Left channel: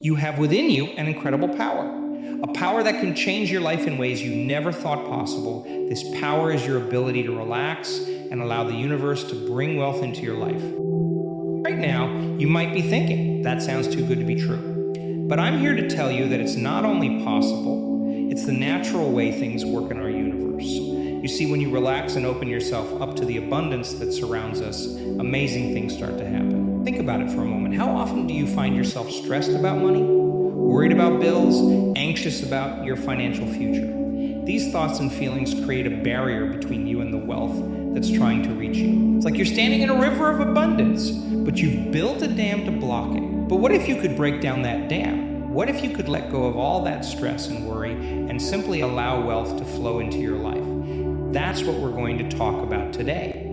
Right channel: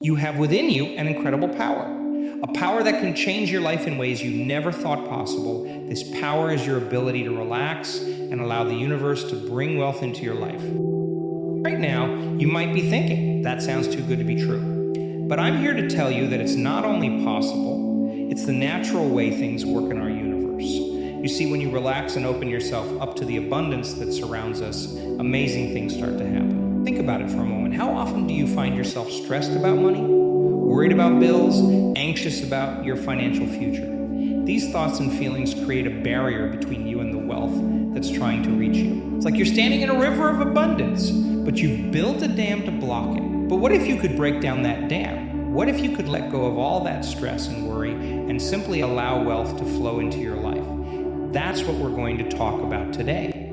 You have within you an incredible power, a power that can change your life in ways you never thought possible. This power is your ability to relax and allow the universe to bring wealth into your life. Right now, you might be thinking, that sounds too good to be true. But I'm here to tell you that it's not only possible, it's the natural way things work in our universe. You see, when you relax and open yourself up to the abundance that surrounds us, amazing things start to happen. Think about it for a moment. How often do you find yourself stressed about money, worried about bills, anxious about your financial future? These thoughts and feelings create a barrier between you and the wealth that's trying to reach you. It's like you're standing in a river of abundance, but you've built a dam to block it. But what if you could break down that dam? What if you could let go of all that stress and worry and simply allow wealth to flow into your life? That's what we're going to talk about today.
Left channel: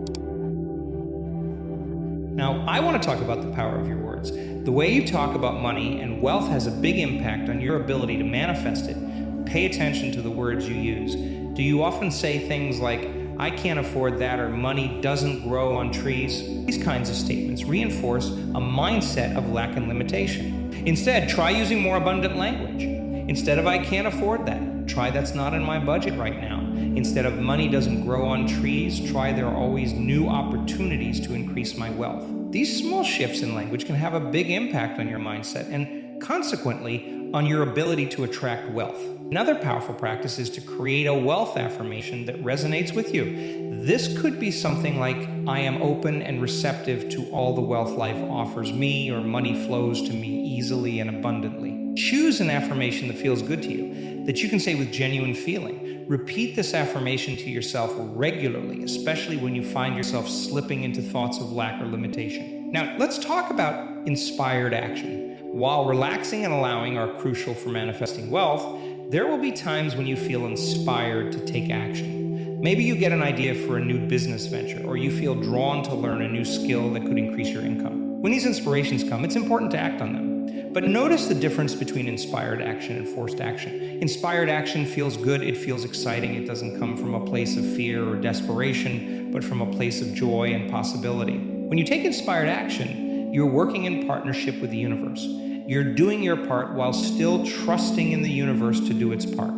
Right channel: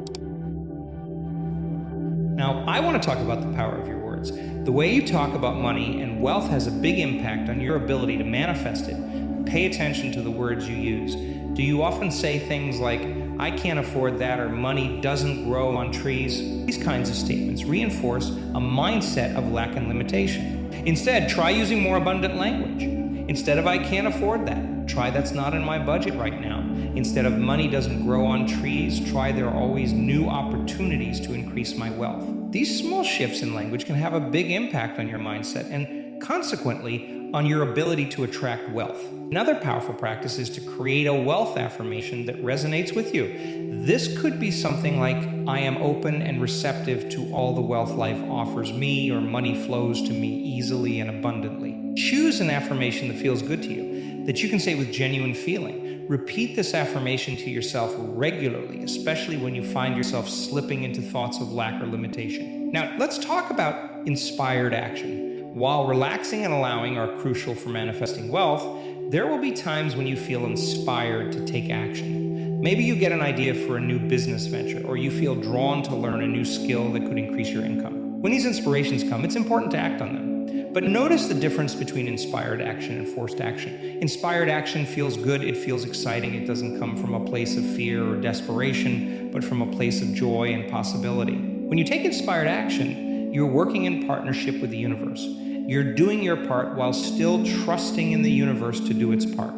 Now, I want to talk about the power of your words. The way you talk about money and wealth has a big impact on your ability to manifest it. Pay attention to the words you use. Do you often say things like, I can't afford that, or money doesn't grow on trees? These kinds of statements reinforce a mindset of lack and limitation. Instead, try using more abundant language. Instead of I can't afford that, try that's not in my budget right now. Instead of money doesn't grow on trees, try there are always new opportunities to increase my wealth. These small shifts in language can have a big impact on your mindset and consequently on your ability to attract wealth. Another powerful practice is to create a wealth affirmation that resonates with you. This could be something like, I am open and receptive to all the wealth life offers me, or money flows to me easily and abundantly. Choose an affirmation that feels good to you, that you can say with genuine feeling. Repeat this affirmation to yourself regularly, especially when you find yourself slipping into thoughts of lack or limitation. Now, let's talk about inspired action. While relaxing and allowing are crucial for manifesting wealth, there will be times when you feel inspired to take action. Maybe you get an idea for a new business venture, or you feel drawn to learn a new skill that could increase your income. When these inspirations come, it's important to act on them. But notice the difference between inspired action and forced action. Inspired action feels good, it feels exciting, it doesn't come from a place of fear or desperation, but from a place of joy and possibility. When you take inspired action, you're working in partnership with the universe. You're doing your part while still trusting in the universe to do its part.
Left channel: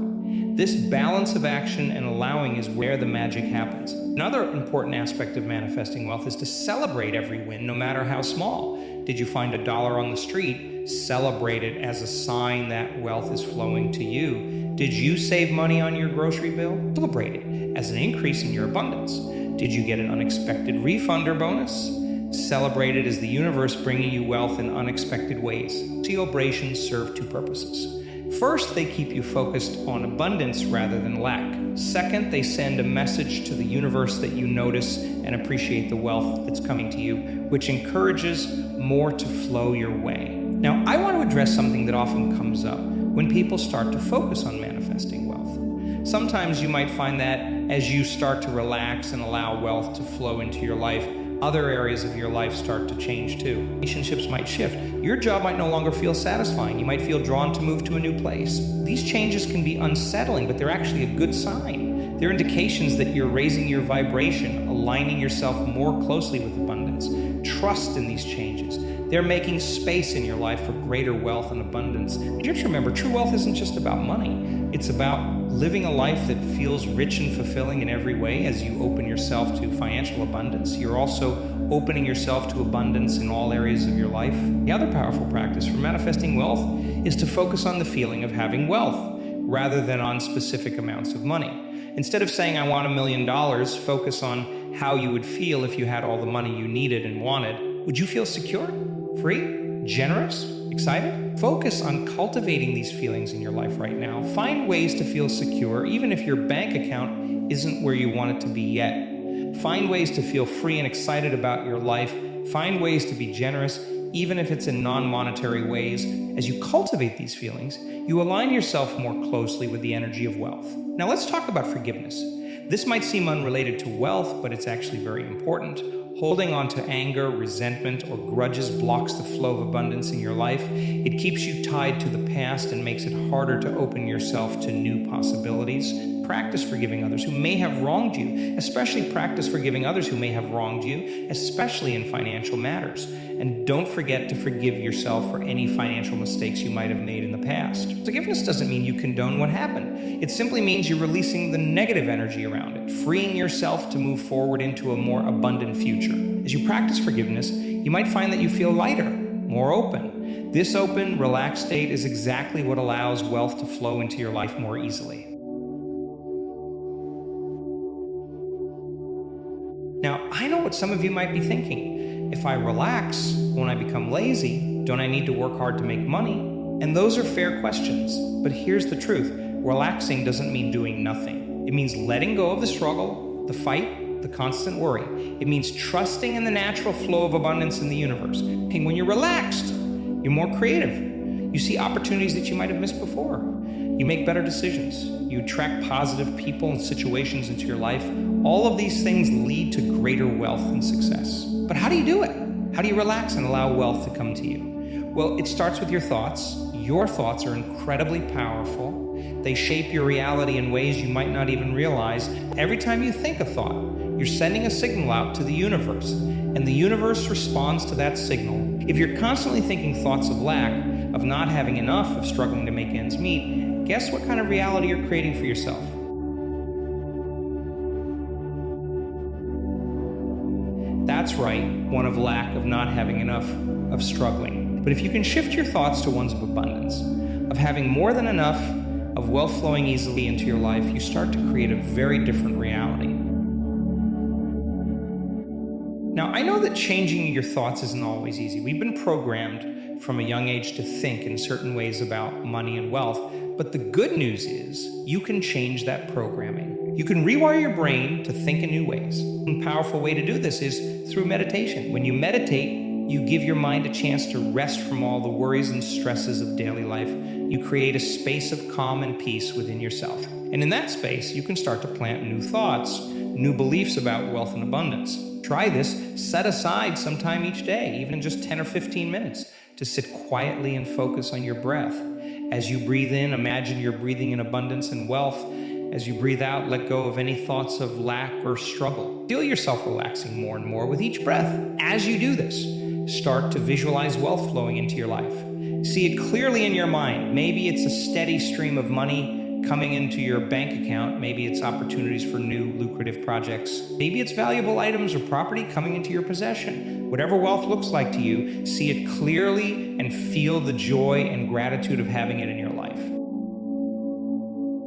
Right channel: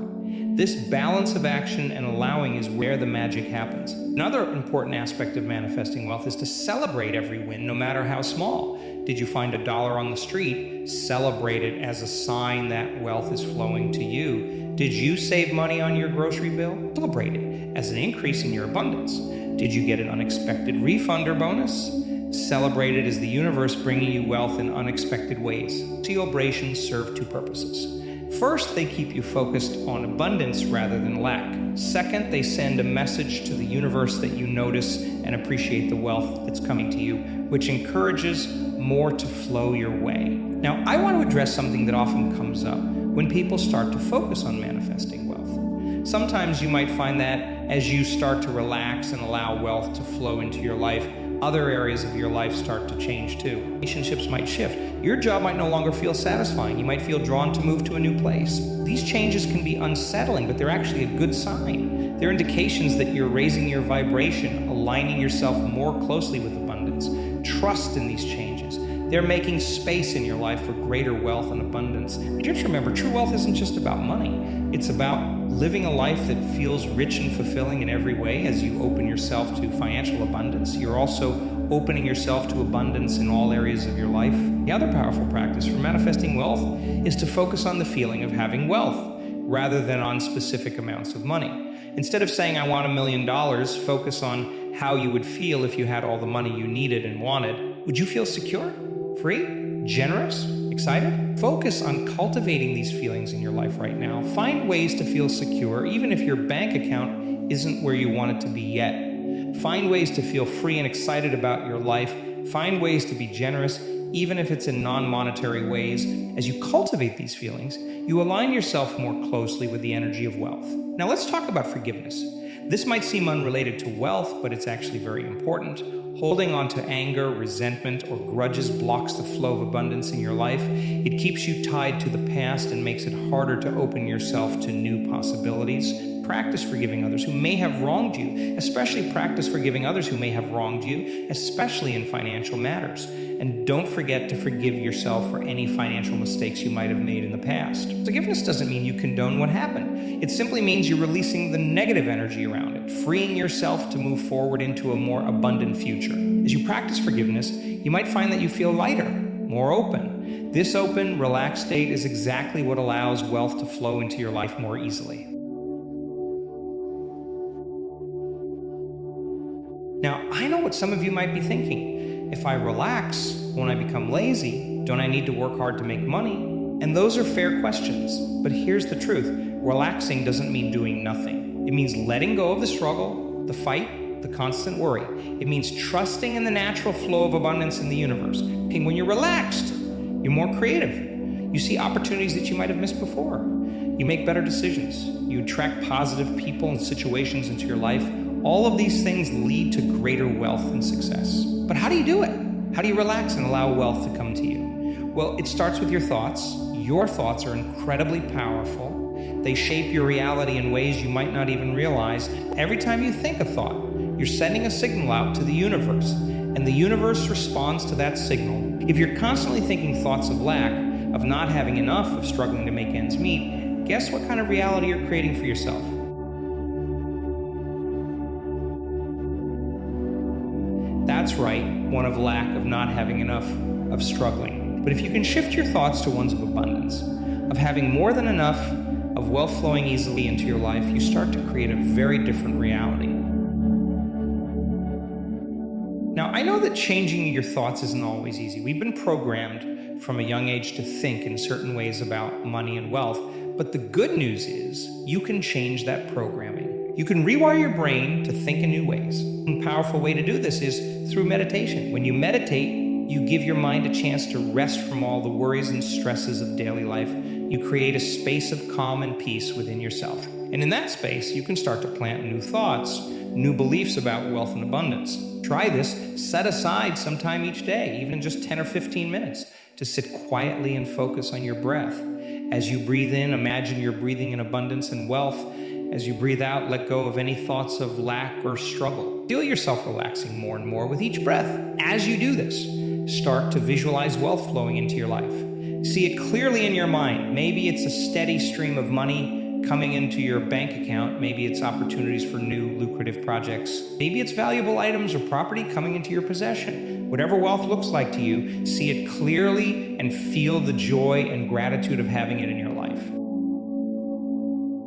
This balance of action and allowing is where the magic happens. Another important aspect of manifesting wealth is to celebrate every win, no matter how small. Did you find $1 on the street? Celebrate it as a sign that wealth is flowing to you. Did you save money on your grocery bill? Celebrate it as an increase in your abundance. Did you get an unexpected refund or bonus? Celebrate it as the universe bringing you wealth in unexpected ways. Celebrations serve two purposes. First, they keep you focused on abundance rather than lack. Second, they send a message to the universe that you notice and appreciate the wealth that's coming to you, which encourages more to flow your way. Now, I want to address something that often comes up when people start to focus on manifesting wealth. Sometimes you might find that as you start to relax and allow wealth to flow into your life, other areas of your life start to change too. Relationships might shift. Your job might no longer feel satisfying. You might feel drawn to move to a new place. These changes can be unsettling, but they're actually a good sign. They're indications that you're raising your vibration, aligning yourself more closely with abundance. Trust in these changes. They're making space in your life for greater wealth and abundance. You have to remember, true wealth isn't just about money. It's about living a life that feels rich and fulfilling in every way. As you open yourself to financial abundance, you're also opening yourself to abundance in all areas of your life. The other powerful practice for manifesting wealth is to focus on the feeling of having wealth rather than on specific amounts of money. Instead of saying, I want $1 million, focus on how you would feel if you had all the money you needed and wanted. Would you feel secure, free, generous, excited? Focus on cultivating these feelings in your life right now. Find ways to feel secure, even if your bank account isn't where you want it to be yet. Find ways to feel free and excited about your life. Find ways to be generous, even if it's in non-monetary ways. As you cultivate these feelings, you align yourself more closely with the energy of wealth. Now let's talk about forgiveness. This might seem unrelated to wealth, but it's actually very important. Holding on to anger, resentment, or grudges blocks the flow of abundance in your life. It keeps you tied to the past and makes it harder to open yourself to new possibilities. Practice forgiving others who may have wronged you, especially practice forgiving others who may have wronged you, especially in financial matters. And don't forget to forgive yourself for any financial mistakes you might have made in the past. Forgiveness doesn't mean you condone what happened. It simply means you're releasing the negative energy around it, freeing yourself to move forward into a more abundant future. As you practice forgiveness, you might find that you feel lighter, more open. This open, relaxed state is exactly what allows wealth to flow into your life more easily. Now, I know what some of you might be thinking. If I relax, won't I become lazy? Don't I need to work hard to make money? And those are fair questions. But here's the truth. Relaxing doesn't mean doing nothing. It means letting go of the struggle, the fight, the constant worry. It means trusting in the natural flow of abundance in the universe. And when you're relaxed, you're more creative. You see opportunities that you might have missed before. You make better decisions. You attract positive people and situations into your life. All of these things lead to greater wealth and success. But how do you do it? How do you relax and allow wealth to come to you? Well, it starts with your thoughts. Your thoughts are incredibly powerful. They shape your reality in ways you might not even realize. Every time you think a thought, you're sending a signal out to the universe, and the universe responds to that signal. If you're constantly thinking thoughts of lack, of not having enough, of struggling to make ends meet, guess what kind of reality you're creating for yourself? That's right, one of lack, of not having enough, of struggling. But if you can shift your thoughts to ones of abundance, of having more than enough, of wealth flowing easily into your life, you start to create a very different reality. Now, I know that changing your thoughts isn't always easy. We've been programmed from a young age to think in certain ways about money and wealth, but the good news is you can change that programming. You can rewire your brain to think in new ways. One powerful way to do this is through meditation. When you meditate, you give your mind a chance to rest from all the worries and stresses of daily life. You create a space of calm and peace within yourself. And in that space, you can start to plant new thoughts, new beliefs about wealth and abundance. Try this. Set aside some time each day, even just 10 or 15 minutes, to sit quietly and focus on your breath. As you breathe in, imagine you're breathing in abundance and wealth. As you breathe out, let go of any thoughts of lack or struggle. Feel yourself relaxing more and more with each breath. As you do this, start to visualize wealth flowing into your life. See it clearly in your mind. Maybe it's a steady stream of money coming into your bank account. Maybe it's opportunities for new lucrative projects. Maybe it's valuable items or property coming into your possession. Whatever wealth looks like to you, see it clearly and feel the joy and gratitude of having it in your life.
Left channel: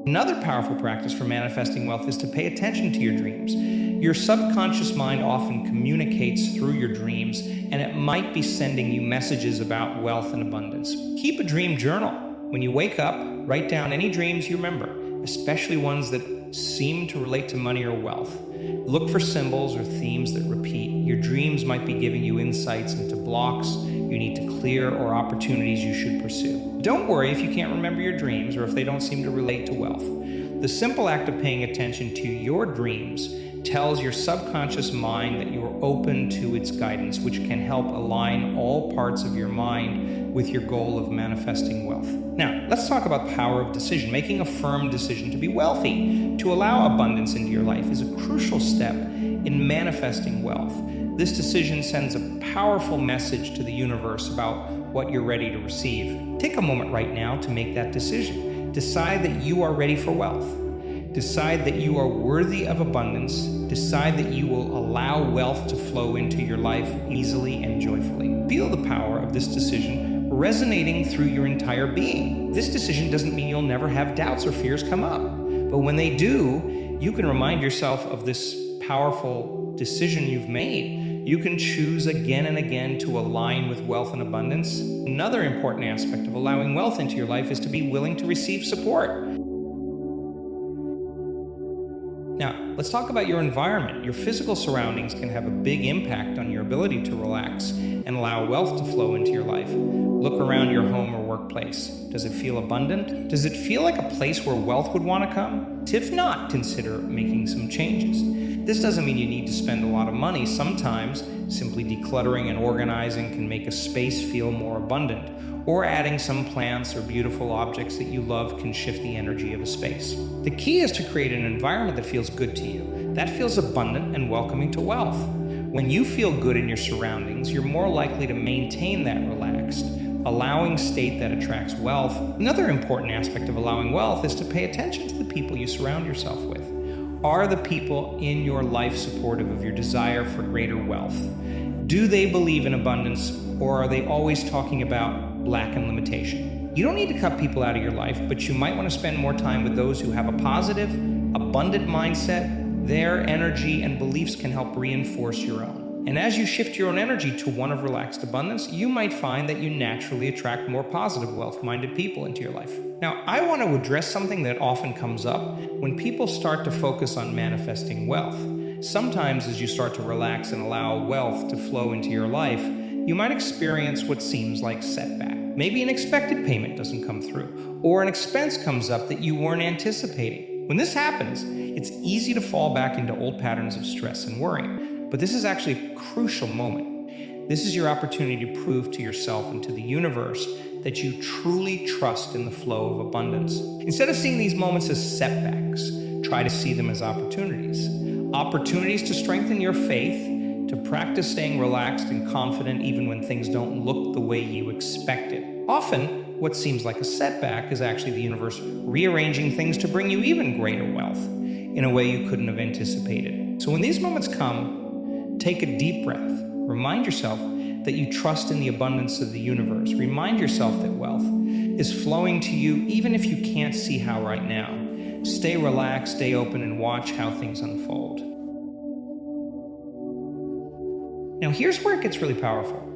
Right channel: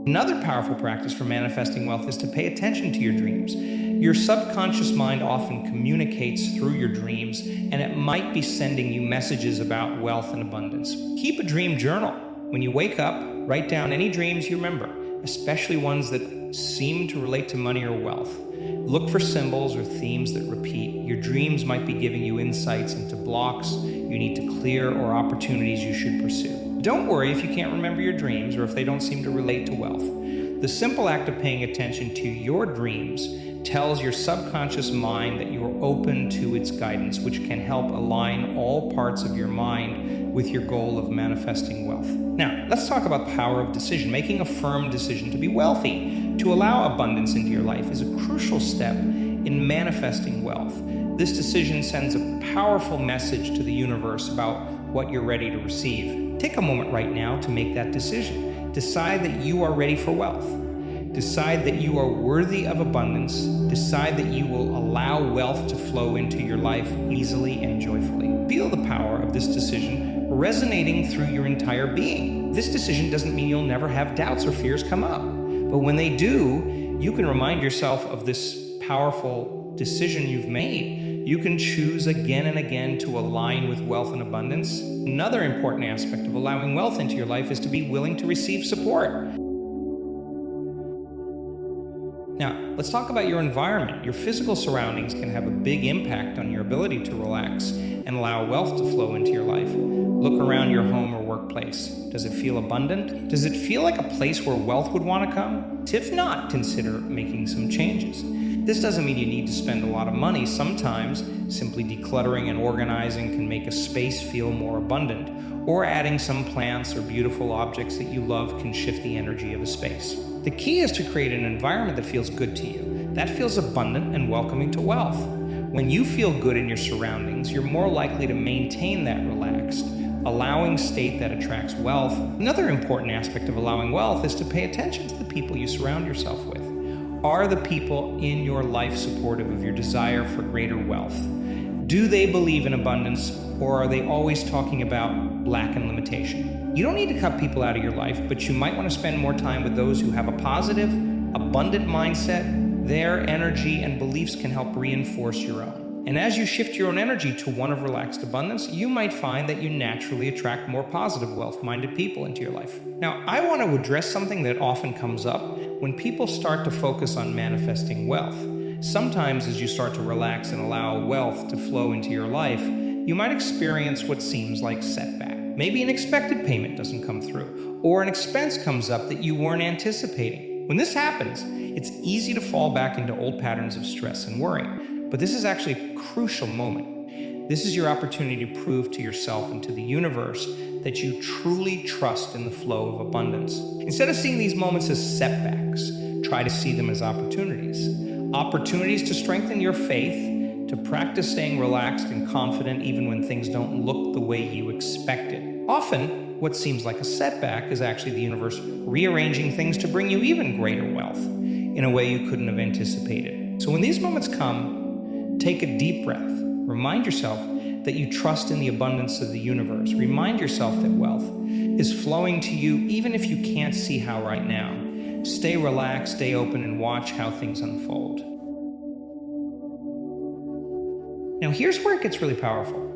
Another powerful practice for manifesting wealth is to pay attention to your dreams. Your subconscious mind often communicates through your dreams, and it might be sending you messages about wealth and abundance. Keep a dream journal. When you wake up, write down any dreams you remember, especially ones that seem to relate to money or wealth. Look for symbols or themes that repeat. Your dreams might be giving you insights into blocks you need to clear or opportunities you should pursue. Don't worry if you can't remember your dreams or if they don't seem to relate to wealth. The simple act of paying attention to your dreams tells your subconscious mind that you are open to its guidance, which can help align all parts of your mind with your goal of manifesting wealth. Now, let's talk about the power of decision. Making a firm decision to be wealthy, to allow abundance into your life, is a crucial step in manifesting wealth. This decision sends a powerful message to the universe about what you're ready to receive. Take a moment right now to make that decision. Decide that you are ready for wealth. Decide that you are worthy of abundance. Decide that you will allow wealth to flow into your life easily and joyfully. Feel the power of this decision resonating through your entire being. This decision doesn't mean you'll never have doubts or fears come up, but when they do, you can remind yourself of this powerful decision you've made. You can choose again and again to align with wealth and abundance. Another important aspect of allowing wealth into your life is to be willing to receive support. Now, let's talk about your environment. Your physical surroundings can have a big impact on your ability to relax and allow wealth to flow into your life. Look around your home or workplace. Does it feel abundant? Does it feel like a place where wealth would want to come? If not, consider making some changes. This doesn't mean you need to spend a lot of money. Sometimes simply decluttering and organizing can make a space feel more abundant. or adding some plants or beautiful objects that you love can shift the energy of a space. The key is to create an environment that feels good to you, that feels abundant and welcoming to wealth. When you feel good in your surroundings, you're more likely to maintain that relaxed, allowing state that attracts wealth. Another important aspect of allowing wealth is to pay attention to the people you surround yourself with. Are the people in your life supportive of your desire for greater wealth? Do they believe in abundance, or are they always talking about lack and limitation? You don't need to cut people out of your life, but you might want to spend more time with those who have a positive, abundant mindset. Their energy and beliefs can help reinforce your own. And as you shift your own energy to one of relaxed abundance, you might find that you naturally attract more positive, wealth-minded people into your life. Now, I want to address something that often comes up when people start to focus on manifesting wealth. Sometimes as you start to relax and allow wealth to flow into your life, you might experience what seems like setback. Maybe an expected payment doesn't come through, or an expense comes up that you weren't anticipating. When this happens, it's easy to fall back into old patterns of stress and worry. But this is actually a crucial moment. This is your opportunity to prove to yourself and to the universe that you truly trust in the flow of abundance. Instead of seeing these moments as setbacks, try to see them as opportunities. Opportunities to strengthen your faith, to practice staying relaxed and confident even when things don't look the way you expected. Often, what seems like a setback is actually the universe rearranging things to bring you even greater wealth in a way you couldn't have anticipated. So when these moments come, take a deep breath. Remind yourself that you trust in the abundance of the universe. Remind yourself that wealth is flowing to you even if you can't see how right now. Stay relaxed, stay open, and watch how things unfold. Now here's where it gets really powerful.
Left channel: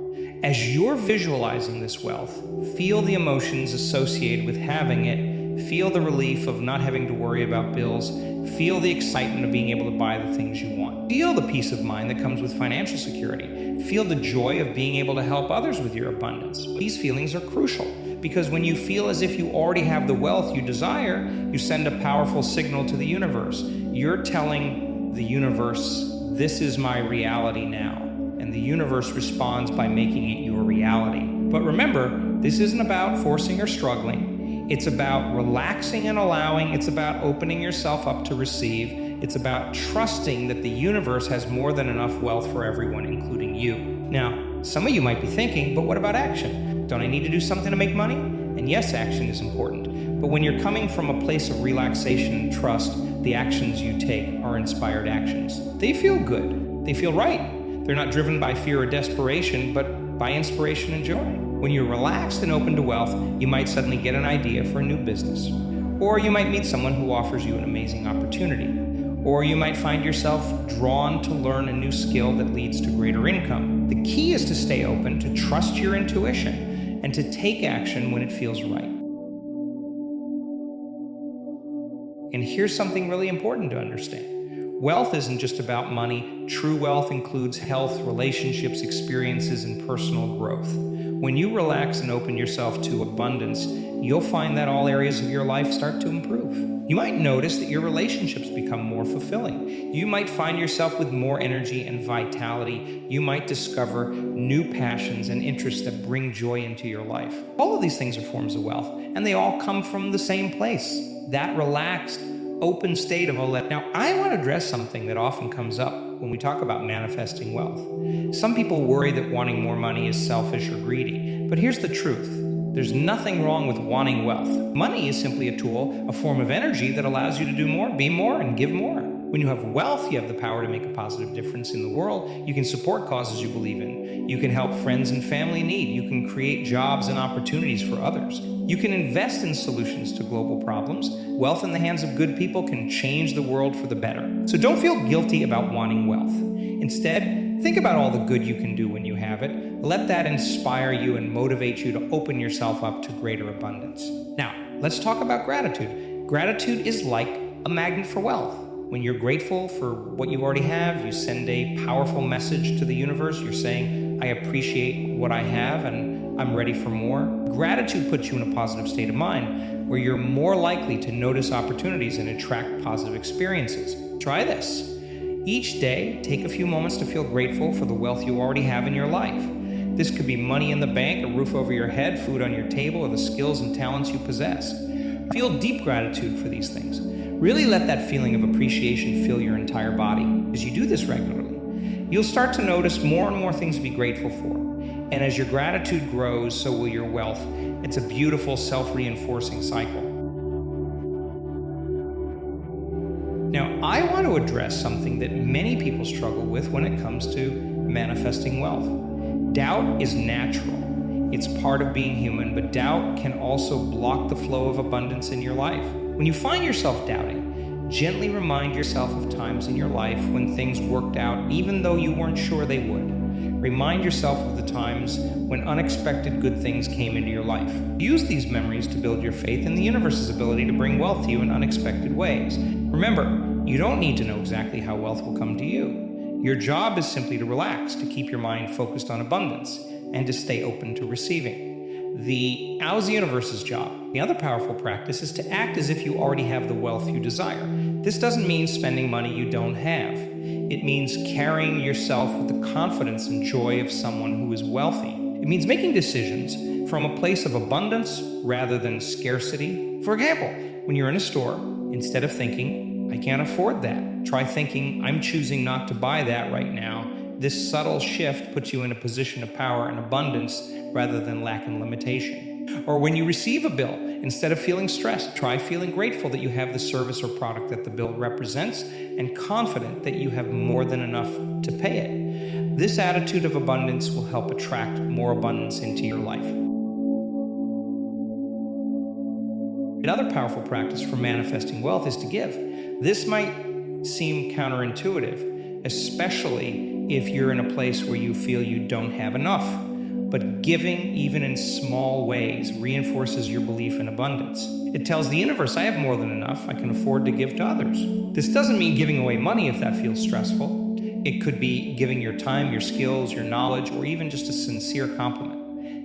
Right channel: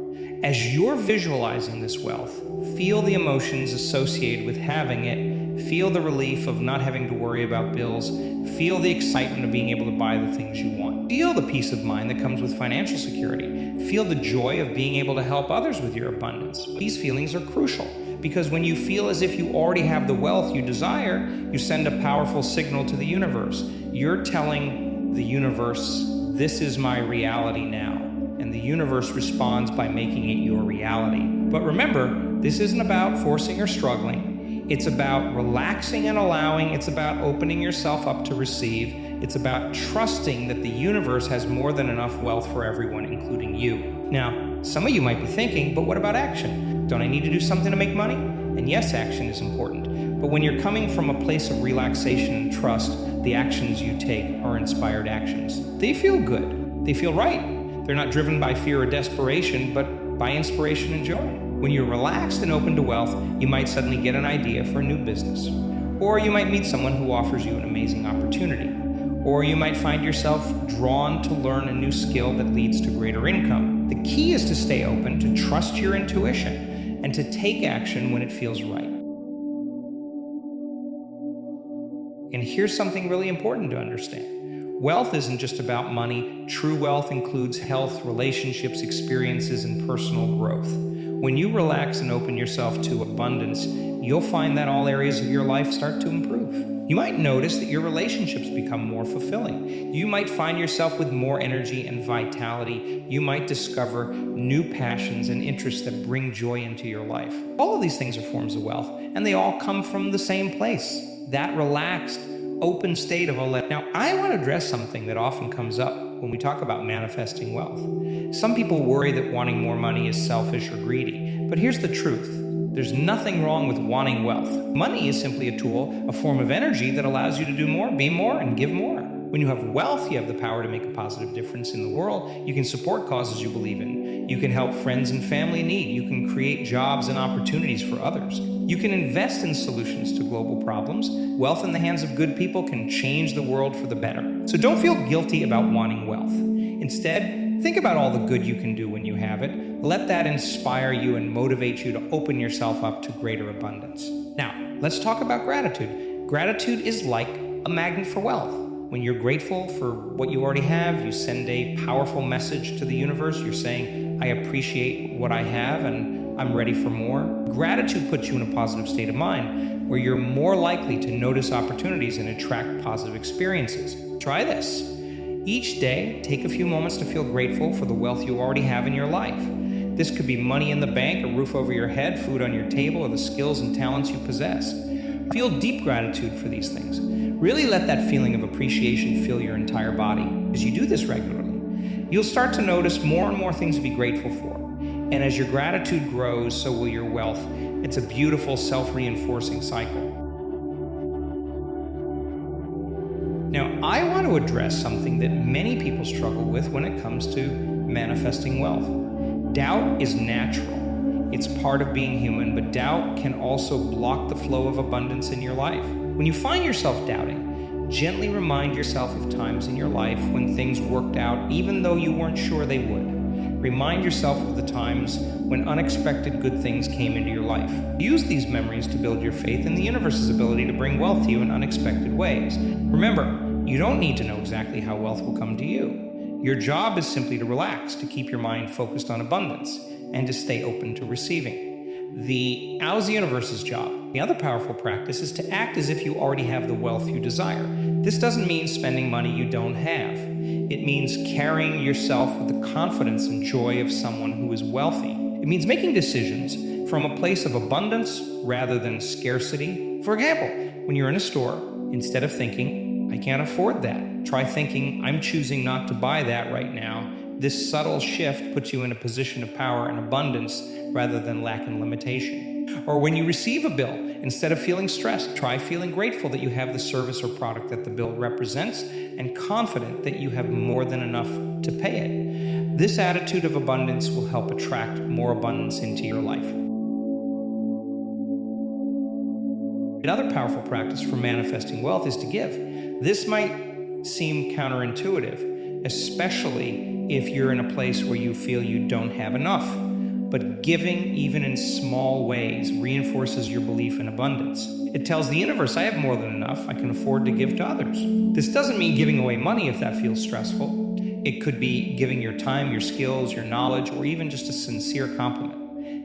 As you're visualizing this wealth, feel the emotions associated with having it, feel the relief of not having to worry about bills, feel the excitement of being able to buy the things you want. Feel the peace of mind that comes with financial security. Feel the joy of being able to help others with your abundance. These feelings are crucial because when you feel as if you already have the wealth you desire, you send a powerful signal to the universe. You're telling the universe, this is my reality now. And the universe responds by making it your reality. But remember, this isn't about forcing or struggling. It's about relaxing and allowing. It's about opening yourself up to receive. It's about trusting that the universe has more than enough wealth for everyone, including you. Now, some of you might be thinking, but what about action? Don't I need to do something to make money? And yes, action is important. But when you're coming from a place of relaxation and trust, the actions you take are inspired actions. They feel good. They feel right. They're not driven by fear or desperation, but by inspiration and joy. When you're relaxed and open to wealth, you might suddenly get an idea for a new business. Or you might meet someone who offers you an amazing opportunity. Or you might find yourself drawn to learn a new skill that leads to greater income. The key is to stay open, to trust your intuition, and to take action when it feels right. And here's something really important to understand. Wealth isn't just about money. True wealth includes health, relationships, experiences, and personal growth. When you relax and open yourself to abundance, you'll find that all areas of your life start to improve. You might notice that your relationships become more fulfilling. You might find yourself with more energy and vitality. You might discover new passions and interests that bring joy into your life. All of these things are forms of wealth, and they all come from the same place, that relaxed, open state of a Now, I want to address something that often comes up when we talk about manifesting wealth. Some people worry that wanting more money is selfish or greedy, but here's the truth. There's nothing wrong with wanting wealth. Money is simply a tool, a form of energy that allows you to do more, be more, and give more. When you have wealth, you have the power to make a positive difference in the world. You can support causes you believe in. You can help friends and family in need. You can create jobs and opportunities for others. You can invest in solutions to global problems. Wealth in the hands of good people can change the world for the better. So don't feel guilty about wanting wealth. Instead, think about all the good you can do when you have it. Let that inspire you and motivate you to open yourself up to greater abundance. Now, let's talk about gratitude. Gratitude is like a magnet for wealth. When you're grateful for what you already have, you send a powerful message to the universe. You're saying, I appreciate what I have and I'm ready for more. Gratitude puts you in a positive state of mind where you're more likely to notice opportunities and attract positive experiences. Try this. Each day, take a few moments to feel grateful for the wealth you already have in your life. This could be money in the bank, a roof over your head, food on your table, or the skills and talents you possess. Feel deep gratitude for these things. Really let that feeling of appreciation fill your entire body. As you do this regularly, you'll start to notice more and more things to be grateful for. And as your gratitude grows, so will your wealth. It's a beautiful, self-reinforcing cycle. Now, I want to address something that many people struggle with when it comes to manifesting wealth. Doubt is natural. It's part of being human, but doubt can also block the flow of abundance in your life. When you find yourself doubting, gently remind yourself of times in your life when things worked out even though you weren't sure they would. Remind yourself of the times when unexpected good things came into your life. Use these memories to build your faith in the universe's ability to bring wealth to you in unexpected ways. Remember, you don't need to know exactly how wealth will come to you. Your job is simply to relax, to keep your mind focused on abundance, and to stay open to receiving. How's the universe's job? The other powerful practice is to act as if you already have the wealth you desire. This doesn't mean spending money you don't have. It means carrying yourself with the confidence and joy of someone who is wealthy. It means making decisions from a place of abundance rather than scarcity. For example, when you're in a store, instead of thinking, I can't afford that, try thinking, I'm choosing not to buy that right now. This subtle shift puts you in a position of power and abundance rather than lack and limitation. Or when you receive a bill, instead of feeling stressed, try feeling grateful that you have the service or product that the bill represents and confident that you have more than enough to pay it. This attitude of abundance will help attract more abundance into your life. Another powerful practice for manifesting wealth is to give. This might seem counterintuitive, especially if you're in a place where you feel you don't have enough. But giving, even in small ways, reinforces your belief in abundance. It tells the universe, I have more than enough, I can afford to give to others. This doesn't mean giving away money if that feels stressful. It could be giving your time, your skills, your knowledge, or even just a sincere compliment.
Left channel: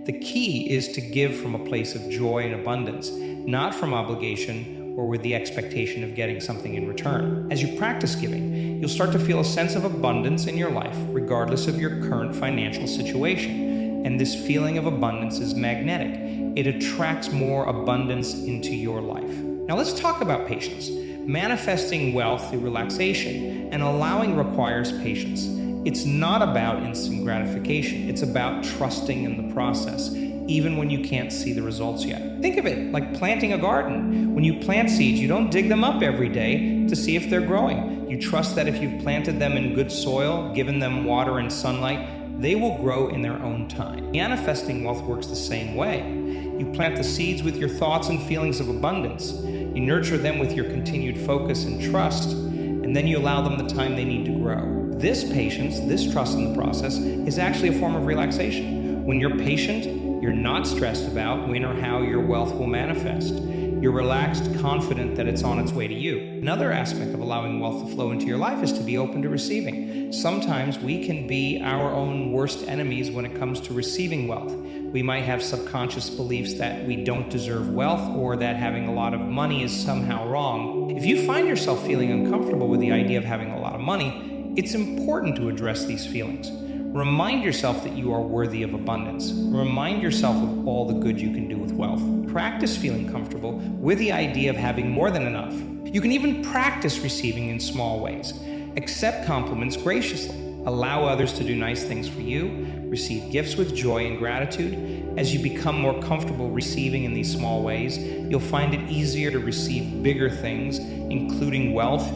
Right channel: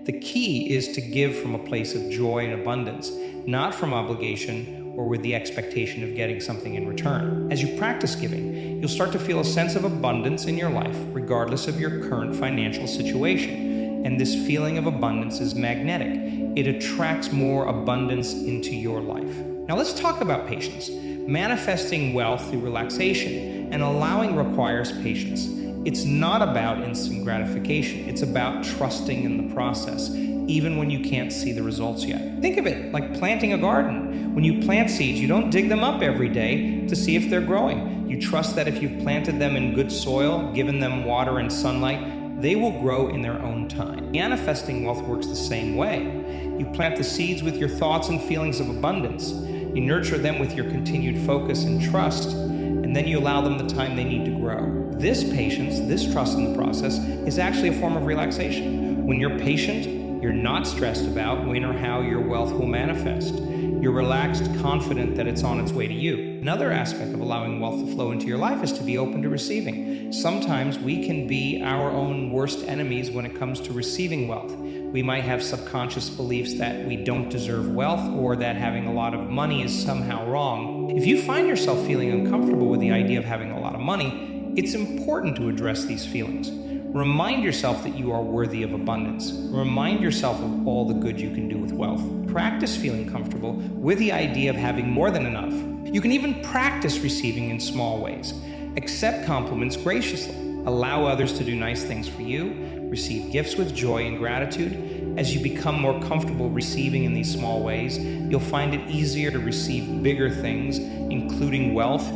The key is to give from a place of joy and abundance, not from obligation or with the expectation of getting something in return. As you practice giving, you'll start to feel a sense of abundance in your life, regardless of your current financial situation. And this feeling of abundance is magnetic. It attracts more abundance into your life. Now let's talk about patience. Manifesting wealth through relaxation and allowing requires patience. It's not about instant gratification. It's about trusting in the process, even when you can't see the results yet. Think of it like planting a garden. When you plant seeds, you don't dig them up every day to see if they're growing. You trust that if you've planted them in good soil, given them water and sunlight, they will grow in their own time. Manifesting wealth works the same way. You plant the seeds with your thoughts and feelings of abundance. You nurture them with your continued focus and trust, and then you allow them the time they need to grow. This patience, this trust in the process, is actually a form of relaxation. When you're patient, you're not stressed about when or how your wealth will manifest. You're relaxed, confident that it's on its way to you. Another aspect of allowing wealth to flow into your life is to be open to receiving. Sometimes we can be our own worst enemies when it comes to receiving wealth. We might have subconscious beliefs that we don't deserve wealth or that having a lot of money is somehow wrong. If you find yourself feeling uncomfortable with the idea of having a lot of money, it's important to address these feelings. Remind yourself that you are worthy of abundance. Remind yourself of all the good you can do with wealth. Practice feeling comfortable with the idea of having more than enough. You can even practice receiving in small ways. Accept compliments graciously. Allow others to do nice things for you. Receive gifts with joy and gratitude. As you become more comfortable receiving in these small ways, you'll find it easier to receive bigger things, including wealth.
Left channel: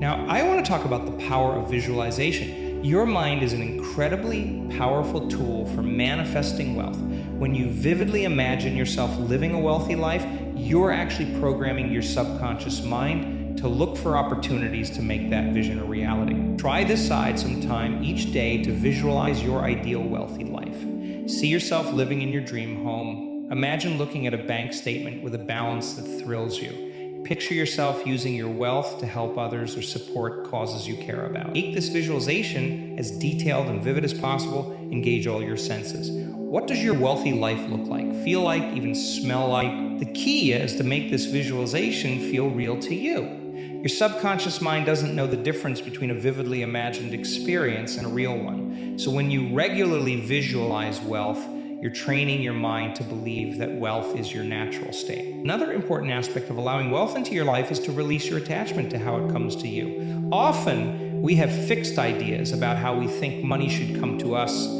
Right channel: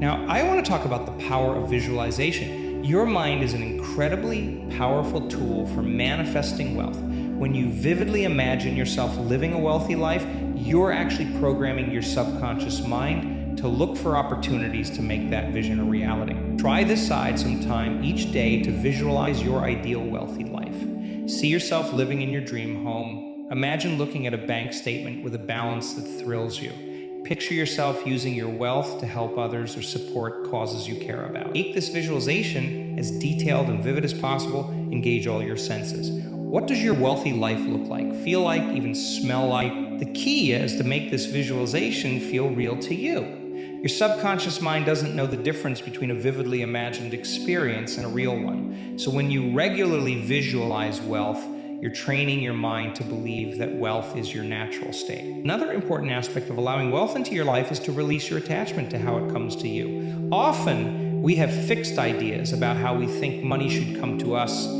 Now, I want to talk about the power of visualization. Your mind is an incredibly powerful tool for manifesting wealth. When you vividly imagine yourself living a wealthy life, you're actually programming your subconscious mind to look for opportunities to make that vision a reality. Try aside some time each day to visualize your ideal wealthy life. See yourself living in your dream home. Imagine looking at a bank statement with a balance that thrills you. Picture yourself using your wealth to help others or support causes you care about. Make this visualization as detailed and vivid as possible. Engage all your senses. What does your wealthy life look like, feel like, even smell like? The key is to make this visualization feel real to you. Your subconscious mind doesn't know the difference between a vividly imagined experience and a real one. So when you regularly visualize wealth, you're training your mind to believe that wealth is your natural state. Another important aspect of allowing wealth into your life is to release your attachment to how it comes to you. Often, we have fixed ideas about how we think money should come to us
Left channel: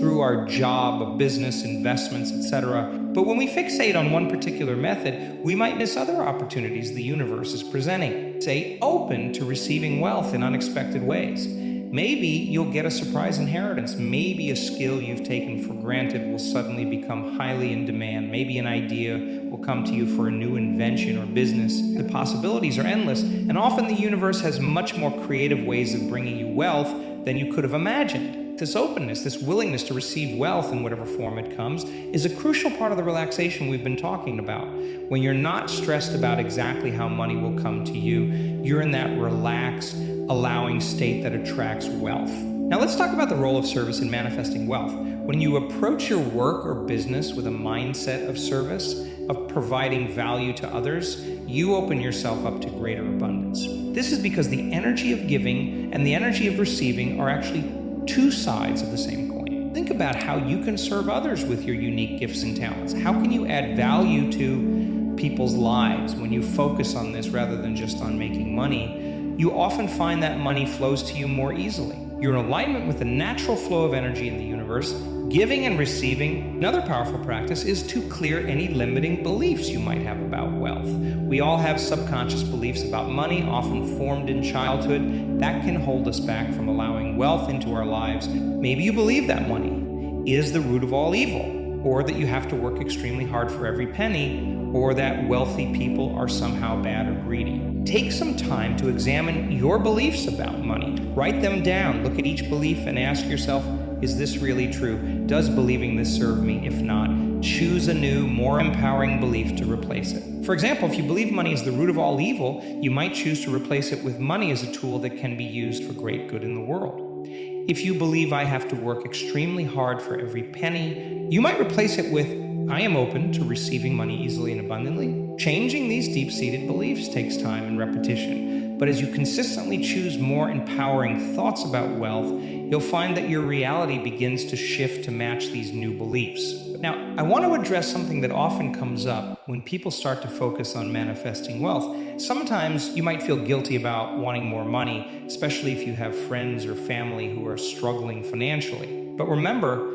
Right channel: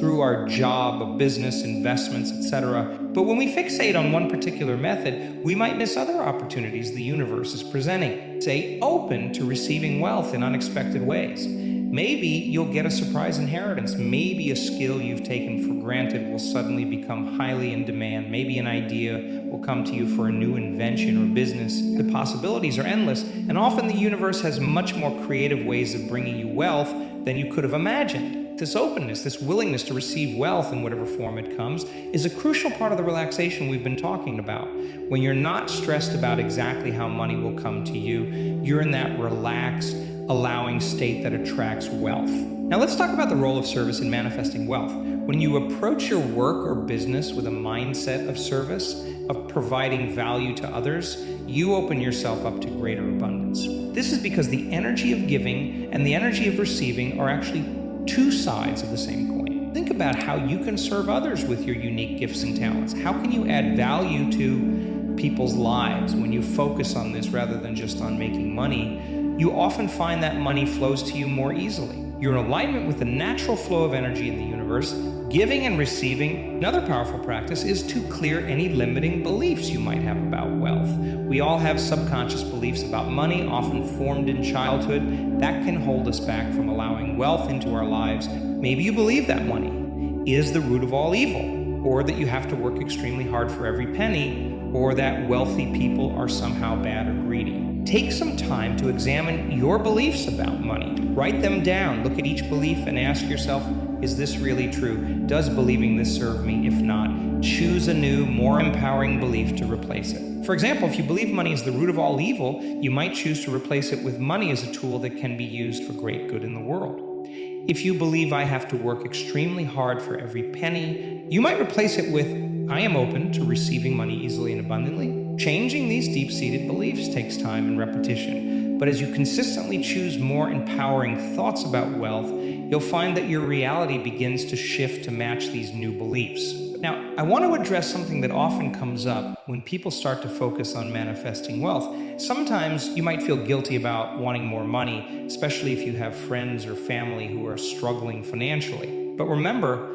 through our job, business, investments, etc. But when we fixate on one particular method, we might miss other opportunities the universe is presenting. Stay open to receiving wealth in unexpected ways. Maybe you'll get a surprise inheritance. Maybe a skill you've taken for granted will suddenly become highly in demand. Maybe an idea will come to you for a new invention or business. The possibilities are endless, and often the universe has much more creative ways of bringing you wealth than you could have imagined. This openness, this willingness to receive wealth in whatever form it comes, is a crucial part of the relaxation we've been talking about. When you're not stressed about exactly how money will come to you, you're in that relaxed, allowing state that attracts wealth. Now let's talk about the role of service in manifesting wealth. When you approach your work or business with a mindset of service, of providing value to others, you open yourself up to greater abundance. This is because the energy of giving and the energy of receiving are actually two sides of the same coin. Think about how you can serve others with your unique gifts and talents. How can you add value to people's lives when you focus on this rather than just on making money? You often find that money flows to you more easily. You're in alignment with the natural flow of energy in the universe. Giving and receiving. Another powerful practice is to clear any limiting beliefs you might have about wealth. We all have subconscious beliefs about money, often formed in childhood, that can hold us back from allowing wealth into our lives. Maybe you believe that money is the root of all evil, or that you have to work extremely hard for every penny, or that wealthy people are somehow bad or greedy. Take some time to examine your beliefs about money. Write them down, look at each belief and ask yourself, is this really true? Does believing this serve me? If not, choose a new, more empowering belief to replace it. For example, if you believe money is the root of all evil, you might choose to replace it with money as a tool that can be used for great good in the world. If you believe I have to work extremely hard for every penny, you might replace it with I am open to receiving money easily and abundantly. Changing these deep-seated beliefs takes time and repetition, but as you consistently choose more empowering thoughts about wealth, you'll find that your reality begins to shift to match these new beliefs. Now, I want to address something that often comes up when people start to focus on manifesting wealth. Sometimes you might feel guilty about wanting more money, especially if you have friends or family who are struggling financially. But remember,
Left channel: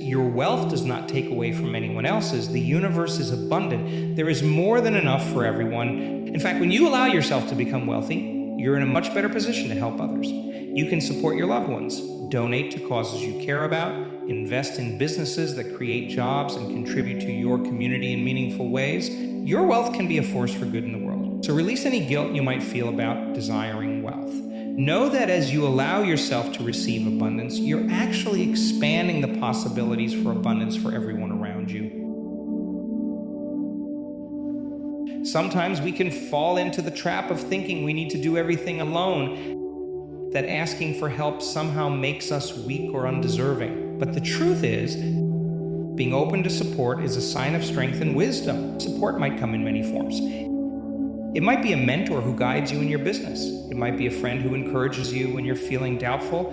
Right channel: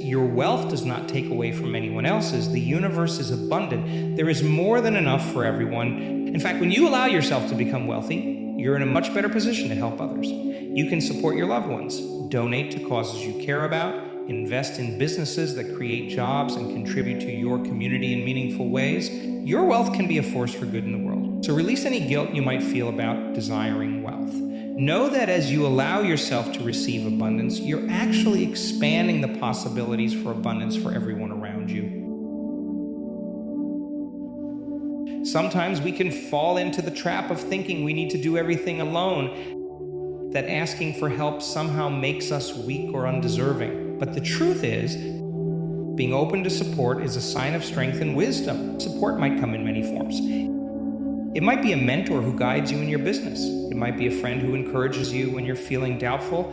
your wealth does not take away from anyone else's. The universe is abundant. There is more than enough for everyone. In fact, when you allow yourself to become wealthy, you're in a much better position to help others. You can support your loved ones, donate to causes you care about, invest in businesses that create jobs and contribute to your community in meaningful ways. Your wealth can be a force for good in the world. So release any guilt you might feel about desiring wealth. Know that as you allow yourself to receive abundance, you're actually expanding the possibilities for abundance for everyone around you. Sometimes we can fall into the trap of thinking we need to do everything alone, that asking for help somehow makes us weak or undeserving. But the truth is, being open to support is a sign of strength and wisdom. Support might come in many forms. It might be a mentor who guides you in your business. It might be a friend who encourages you when you're feeling doubtful.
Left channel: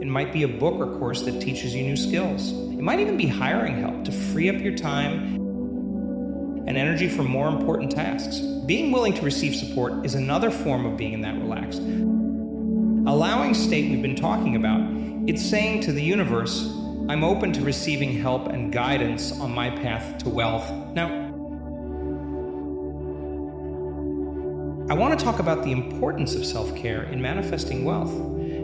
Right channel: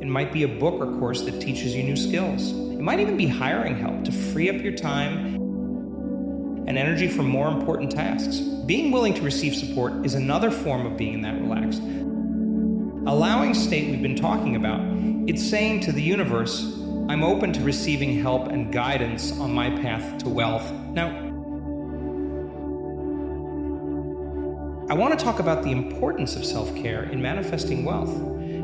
It might be a book or course that teaches you new skills. It might even be hiring help to free up your time and energy for more important tasks. Being willing to receive support is another form of being in that relaxed, allowing state we've been talking about. It's saying to the universe, I'm open to receiving help and guidance on my path to wealth. Now, I want to talk about the importance of self-care in manifesting wealth.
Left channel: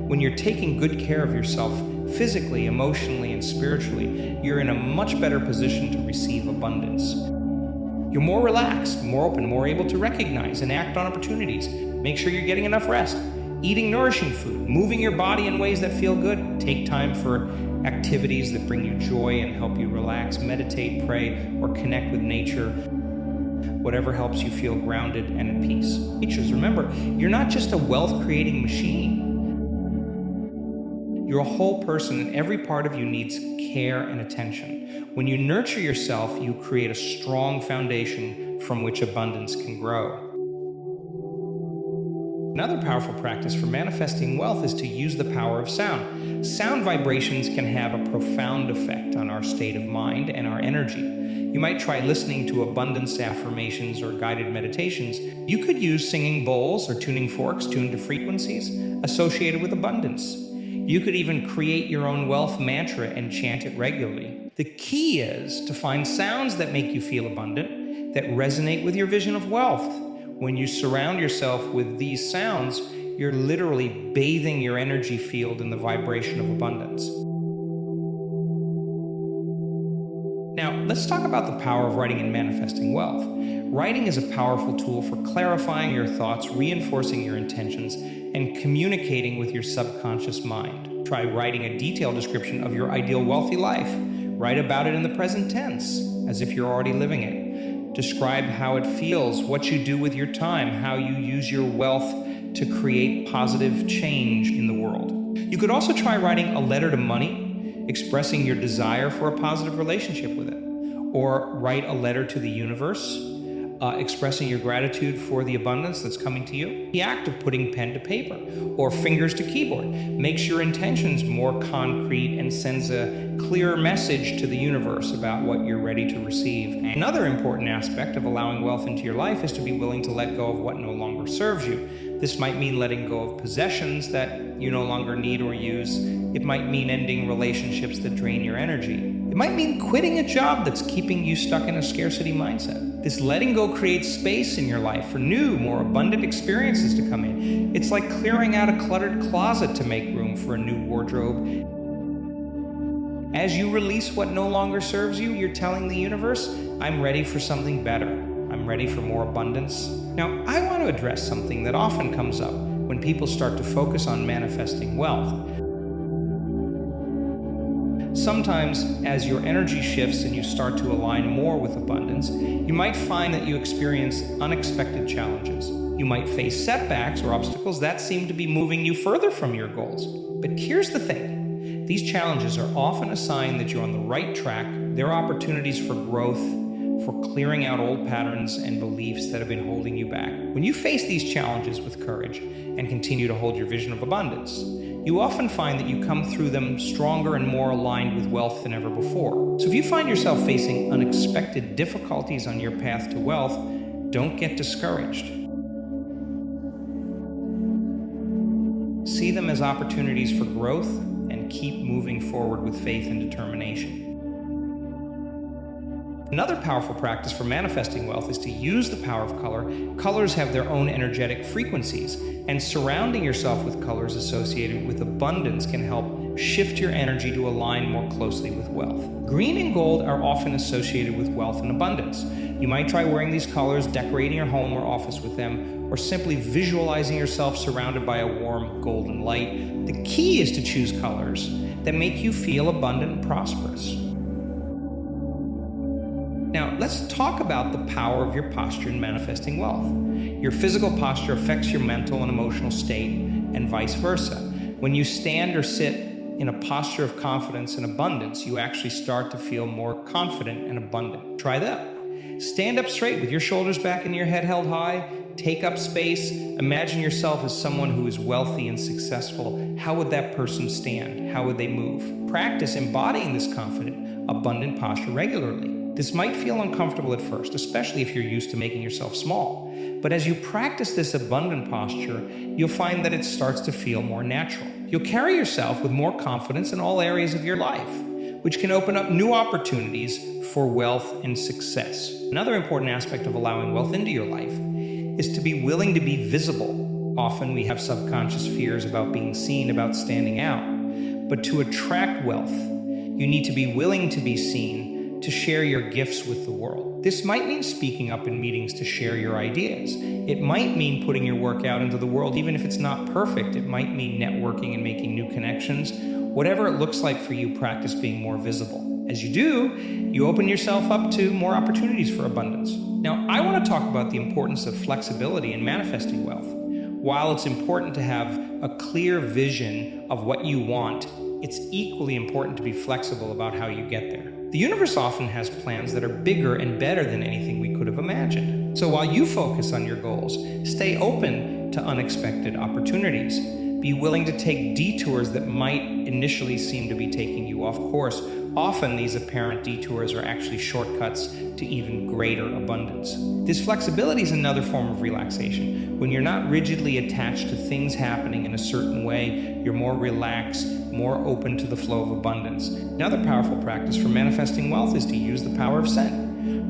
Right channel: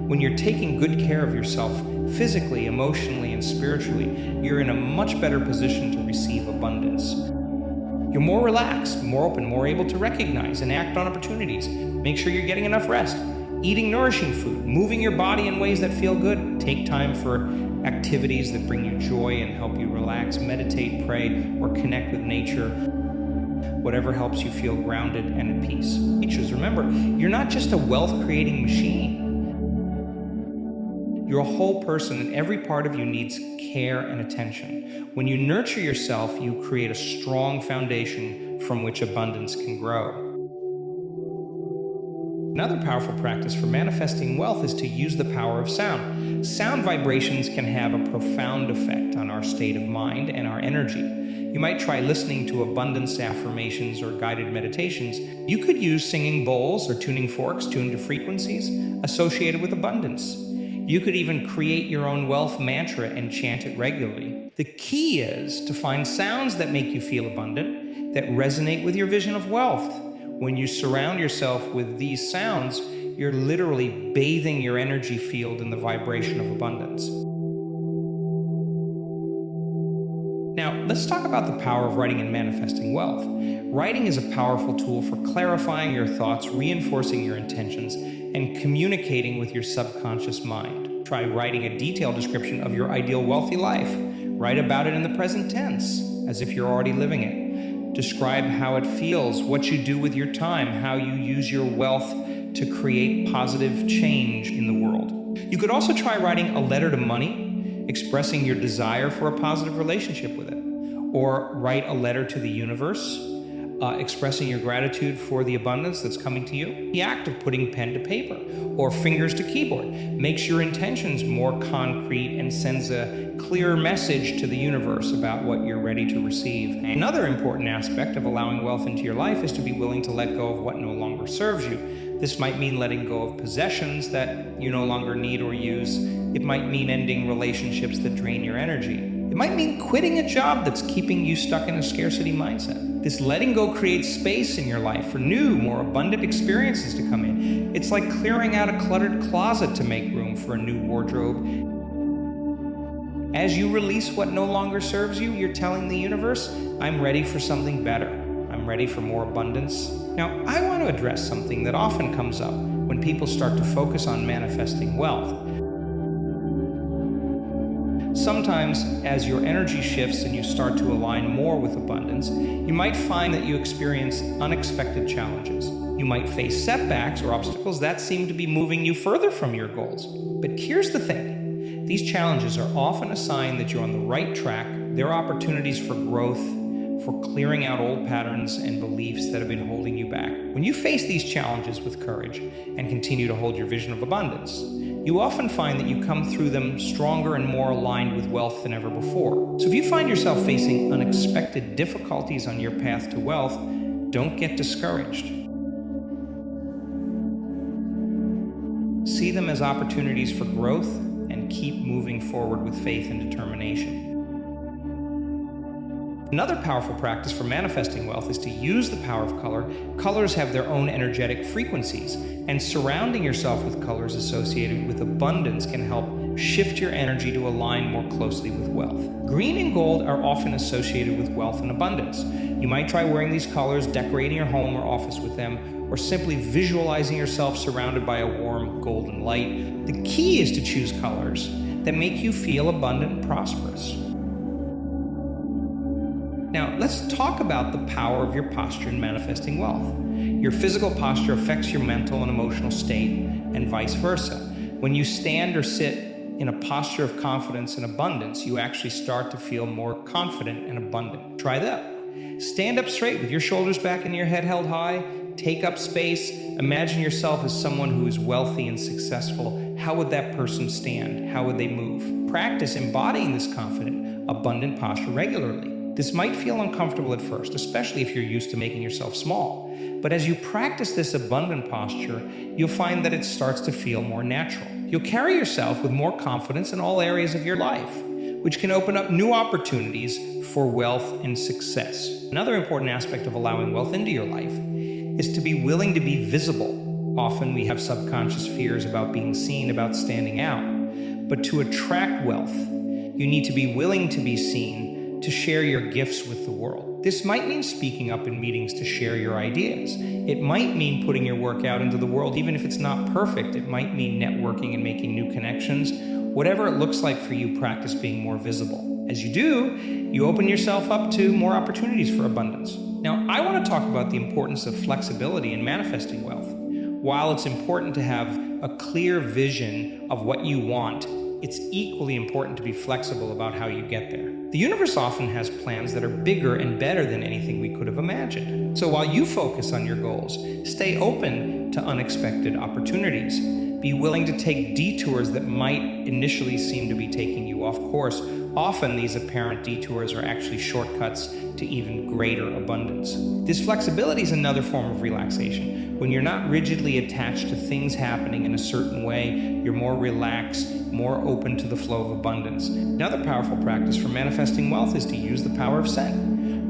When you're taking good care of yourself physically, emotionally, and spiritually, you're in a much better position to receive abundance. You're more relaxed, more open, more able to recognize and act on opportunities. Make sure you're getting enough rest, eating nourishing food, moving your body in ways that feel good. Take time for activities that bring you joy and help you relax. Meditate, pray, or connect with nature. Whatever helps you feel grounded and at peace. Teachers, remember, you're not just a wealth-creating machine. You're a whole person, and every part of you needs care and attention. When you nurture yourself, you create a strong foundation from which abundance can grow. Another powerful practice for manifesting wealth is to use the power of sound. Sound vibrations can have a profound effect on our state of mind and our energy. You might try listening to abundance affirmations or guided meditations. You could use singing bowls or tuning forks tuned to frequencies associated with abundance. You could even create your own wealth mantra and chant it regularly. The key is to find sounds that make you feel abundant, that resonate with your vision of wealth. When you surround yourself with these sounds, you're literally bathing your energy field in the vibration of abundance. Now, let's talk about the power of writing and manifesting wealth. Writing is a powerful tool for clarifying your thoughts, reinforcing your intentions, and communicating with your subconscious mind. Try writing a detailed description of your ideal wealthy life. Write about it in the present tense, as if you're already living it. Describe how it feels, what you do with your time, how you use your wealth to create positive change in the world. You could also try writing a letter to money, expressing your desire for a positive relationship with it. Or write a letter to the universe, expressing your gratitude for the abundance that's coming to you. The act of putting pen to paper or fingers to keyboard makes your intentions more concrete and sends a clearer message to the universe about what you're ready to receive. Another important aspect of allowing wealth into your life is to be willing to let go of what no longer serves you. This might mean letting go of possessions that you no longer need or use. It might mean ending relationships that drain your energy. It might mean quitting a job that's keeping you stuck in a scarcity mindset. This letting go creates space in your life for new, more abundant experiences to come in. It's like clearing out a cluttered closet to make room for a new wardrobe. As you release what no longer serves you, you're telling the universe, I'm ready for something better. I'm ready for more abundance. Now, I want to address something that often comes up when people start to focus on manifesting wealth. Sometimes, as your energy shifts and you start to align more with abundance, you might find that you experience unexpected challenges. You might face setbacks or obstacles that seem to be moving you further from your goals. But here's the thing. These challenges are often a sign that you're on the right track. They're opportunities for growth, for clearing out old patterns and beliefs that have been holding you back. When you face these challenges with courage and continue to hold your vision of abundance, you often find that you come through them stronger and more aligned with wealth than ever before. So if you find yourself facing unexpected difficulties on your path to wealth, don't get discouraged. See them as opportunities for growth and keep moving forward with faith and determination. Another powerful practice for manifesting wealth is to use the power of color. Colors have their own energetic frequencies, and surrounding yourself with colors associated with abundance can help shift your energy to align more closely with wealth. Green and gold are often associated with wealth and abundance. You might try wearing these colors, decorating your home or office with them, or simply visualizing yourself surrounded by a warm golden light. The key is to choose colors that make you feel abundant and prosperous. Now, let's talk about the power of your posture in manifesting wealth. Your physical posture affects your mental and emotional state, and vice versa. When you stand or sit in a posture of confidence and abundance, you actually start to feel more confident and abundant. Try that. Stand up straight with your shoulders back and your head held high. Take up space. Imagine yourself as someone who is wealthy and successful. How would that person stand? How would they move? Practice embodying this confident, abundant posture regularly. This might feel uncomfortable at first, especially if you're used to making yourself small. But as you practice this abundant posture, you'll find that it starts to feel more natural. You'll carry yourself with more confidence in all areas of your life, which can open up new opportunities for wealth and success. Another important aspect of allowing wealth into your life is to be willing to be visible. Often we have subconscious fears about being seen, about standing out. But to attract wealth, you need to be willing to be seen, to share your gifts with the world. This might mean speaking up in meetings to share your ideas. It might mean putting your work out into the world, even if it's not perfect. It might mean networking and making new connections. Whatever it looks like for you, practice being more visible. As you do, you open yourself up to more opportunities for abundance. Now, I want to talk about the importance of flexibility in manifesting wealth. While it's important to have a clear vision of what you want, it's equally important to be flexible about how you get there. The universe often has plans that are bigger and better than anything we could have imagined. So while you focus on your goals, stay open to unexpected opportunities. Be willing to take detours that might initially seem to be taking you off course. Often these apparent detours are actually shortcuts to even greater abundance. This flexibility is another form of relaxation. When you're not rigidly attached to things happening in a certain way, you're more relaxed, more open to the flow of abundance. Another powerful practice for manifesting wealth is to use the power of scent.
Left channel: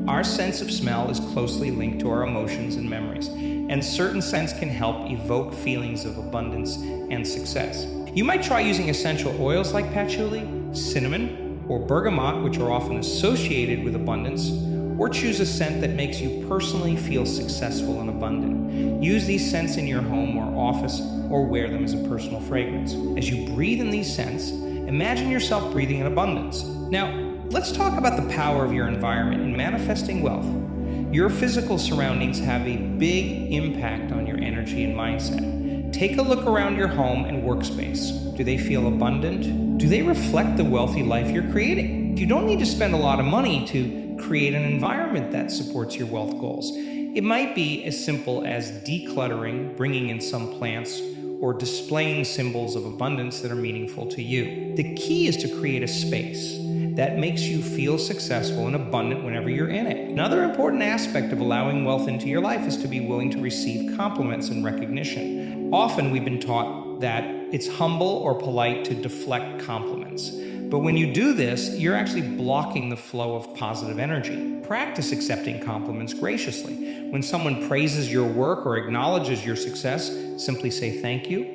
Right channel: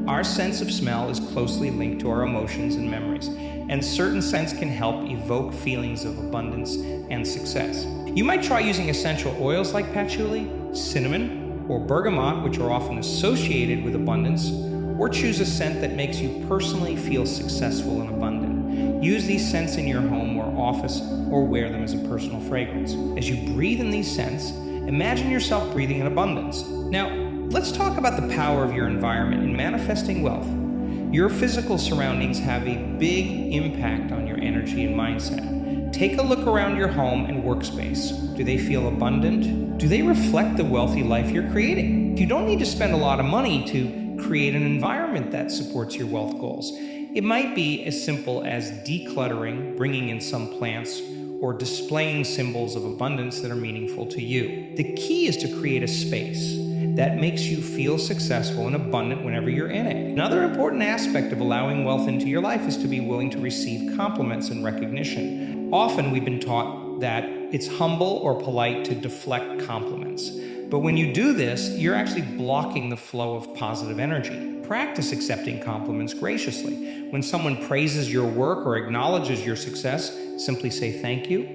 Our sense of smell is closely linked to our emotions and memories, and certain scents can help evoke feelings of abundance and success. You might try using essential oils like patchouli, cinnamon, or bergamot, which are often associated with abundance, or choose a scent that makes you personally feel successful and abundant. Use these scents in your home or office, or wear them as a personal fragrance. As you breathe in these scents, imagine yourself breathing in abundance. Now, let's talk about the power of your environment in manifesting wealth. Your physical surroundings have a big impact on your energy and mindset. Take a look around your home and workspace. Do they feel abundant? Do they reflect the wealthy life you're creating? You don't need to spend a lot of money to create an environment that supports your wealth goals. It might be as simple as decluttering, bringing in some plants, or displaying symbols of abundance that are meaningful to you. The key is to create a space that makes you feel successful and abundant whenever you're in it. Another important aspect of allowing wealth into your life is to be willing to receive compliments and recognition. Often we've been taught that it's humble or polite to deflect compliments. But when you do this, you're actually blocking the flow of positive energy. Practice accepting compliments graciously. When someone praises your work or acknowledges your success, simply say thank you.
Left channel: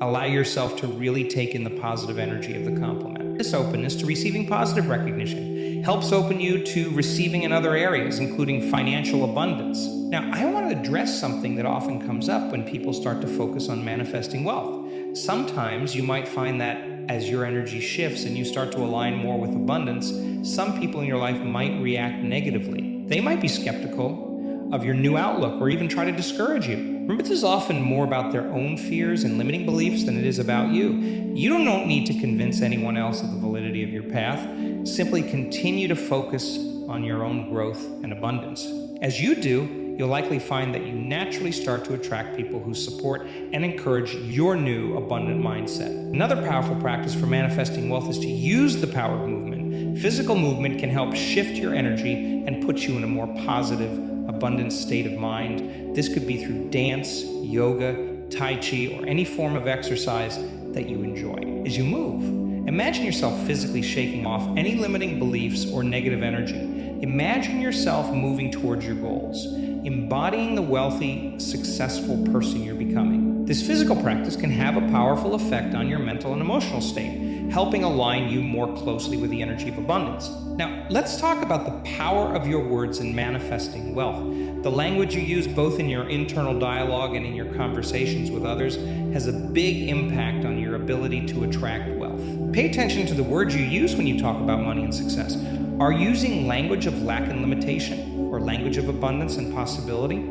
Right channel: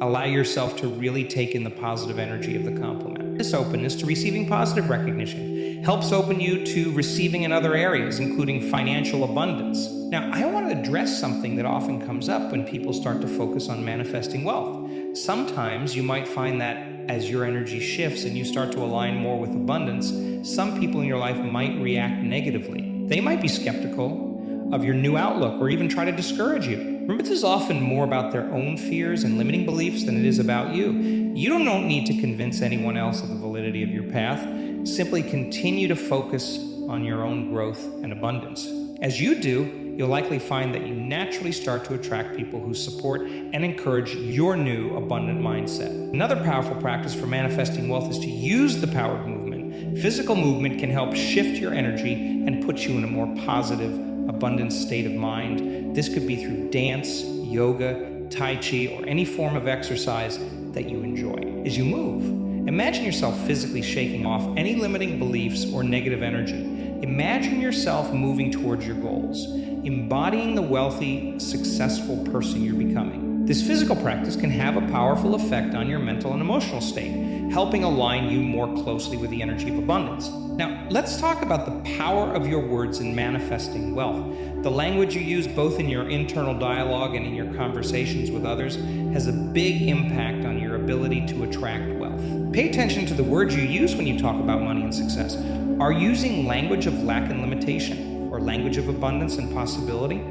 Allow yourself to really take in the positive energy of the compliment. This openness to receiving positive recognition helps open you to receiving in other areas, including financial abundance. Now, I want to address something that often comes up when people start to focus on manifesting wealth. Sometimes you might find that as your energy shifts and you start to align more with abundance, some people in your life might react negatively. They might be skeptical of your new outlook or even try to discourage you. Remember, this is often more about their own fears and limiting beliefs than it is about you. You don't need to convince anyone else of the validity of your path. Simply continue to focus on your own growth and abundance. As you do, you'll likely find that you naturally start to attract people who support and encourage your new abundant mindset. Another powerful practice for manifesting wealth is to use the power of movement. Physical movement can help shift your energy and put you in a more positive, abundant state of mind. This could be through dance, yoga, tai chi, or any form of exercise that you enjoy. As you move, imagine yourself physically shaking off any limiting beliefs or negative energy. Imagine yourself moving towards your goals, embodying the wealthy, successful person you're becoming. This physical practice can have a powerful effect on your mental and emotional state, helping align you more closely with the energy of abundance. Now, let's talk about the power of your words in manifesting wealth. The language you use both in your internal dialogue and in your conversations with others has a big impact on your ability to attract wealth. Pay attention to the words you use when you talk about money and success. Are you using language of lack and limitation, or language of abundance and possibility?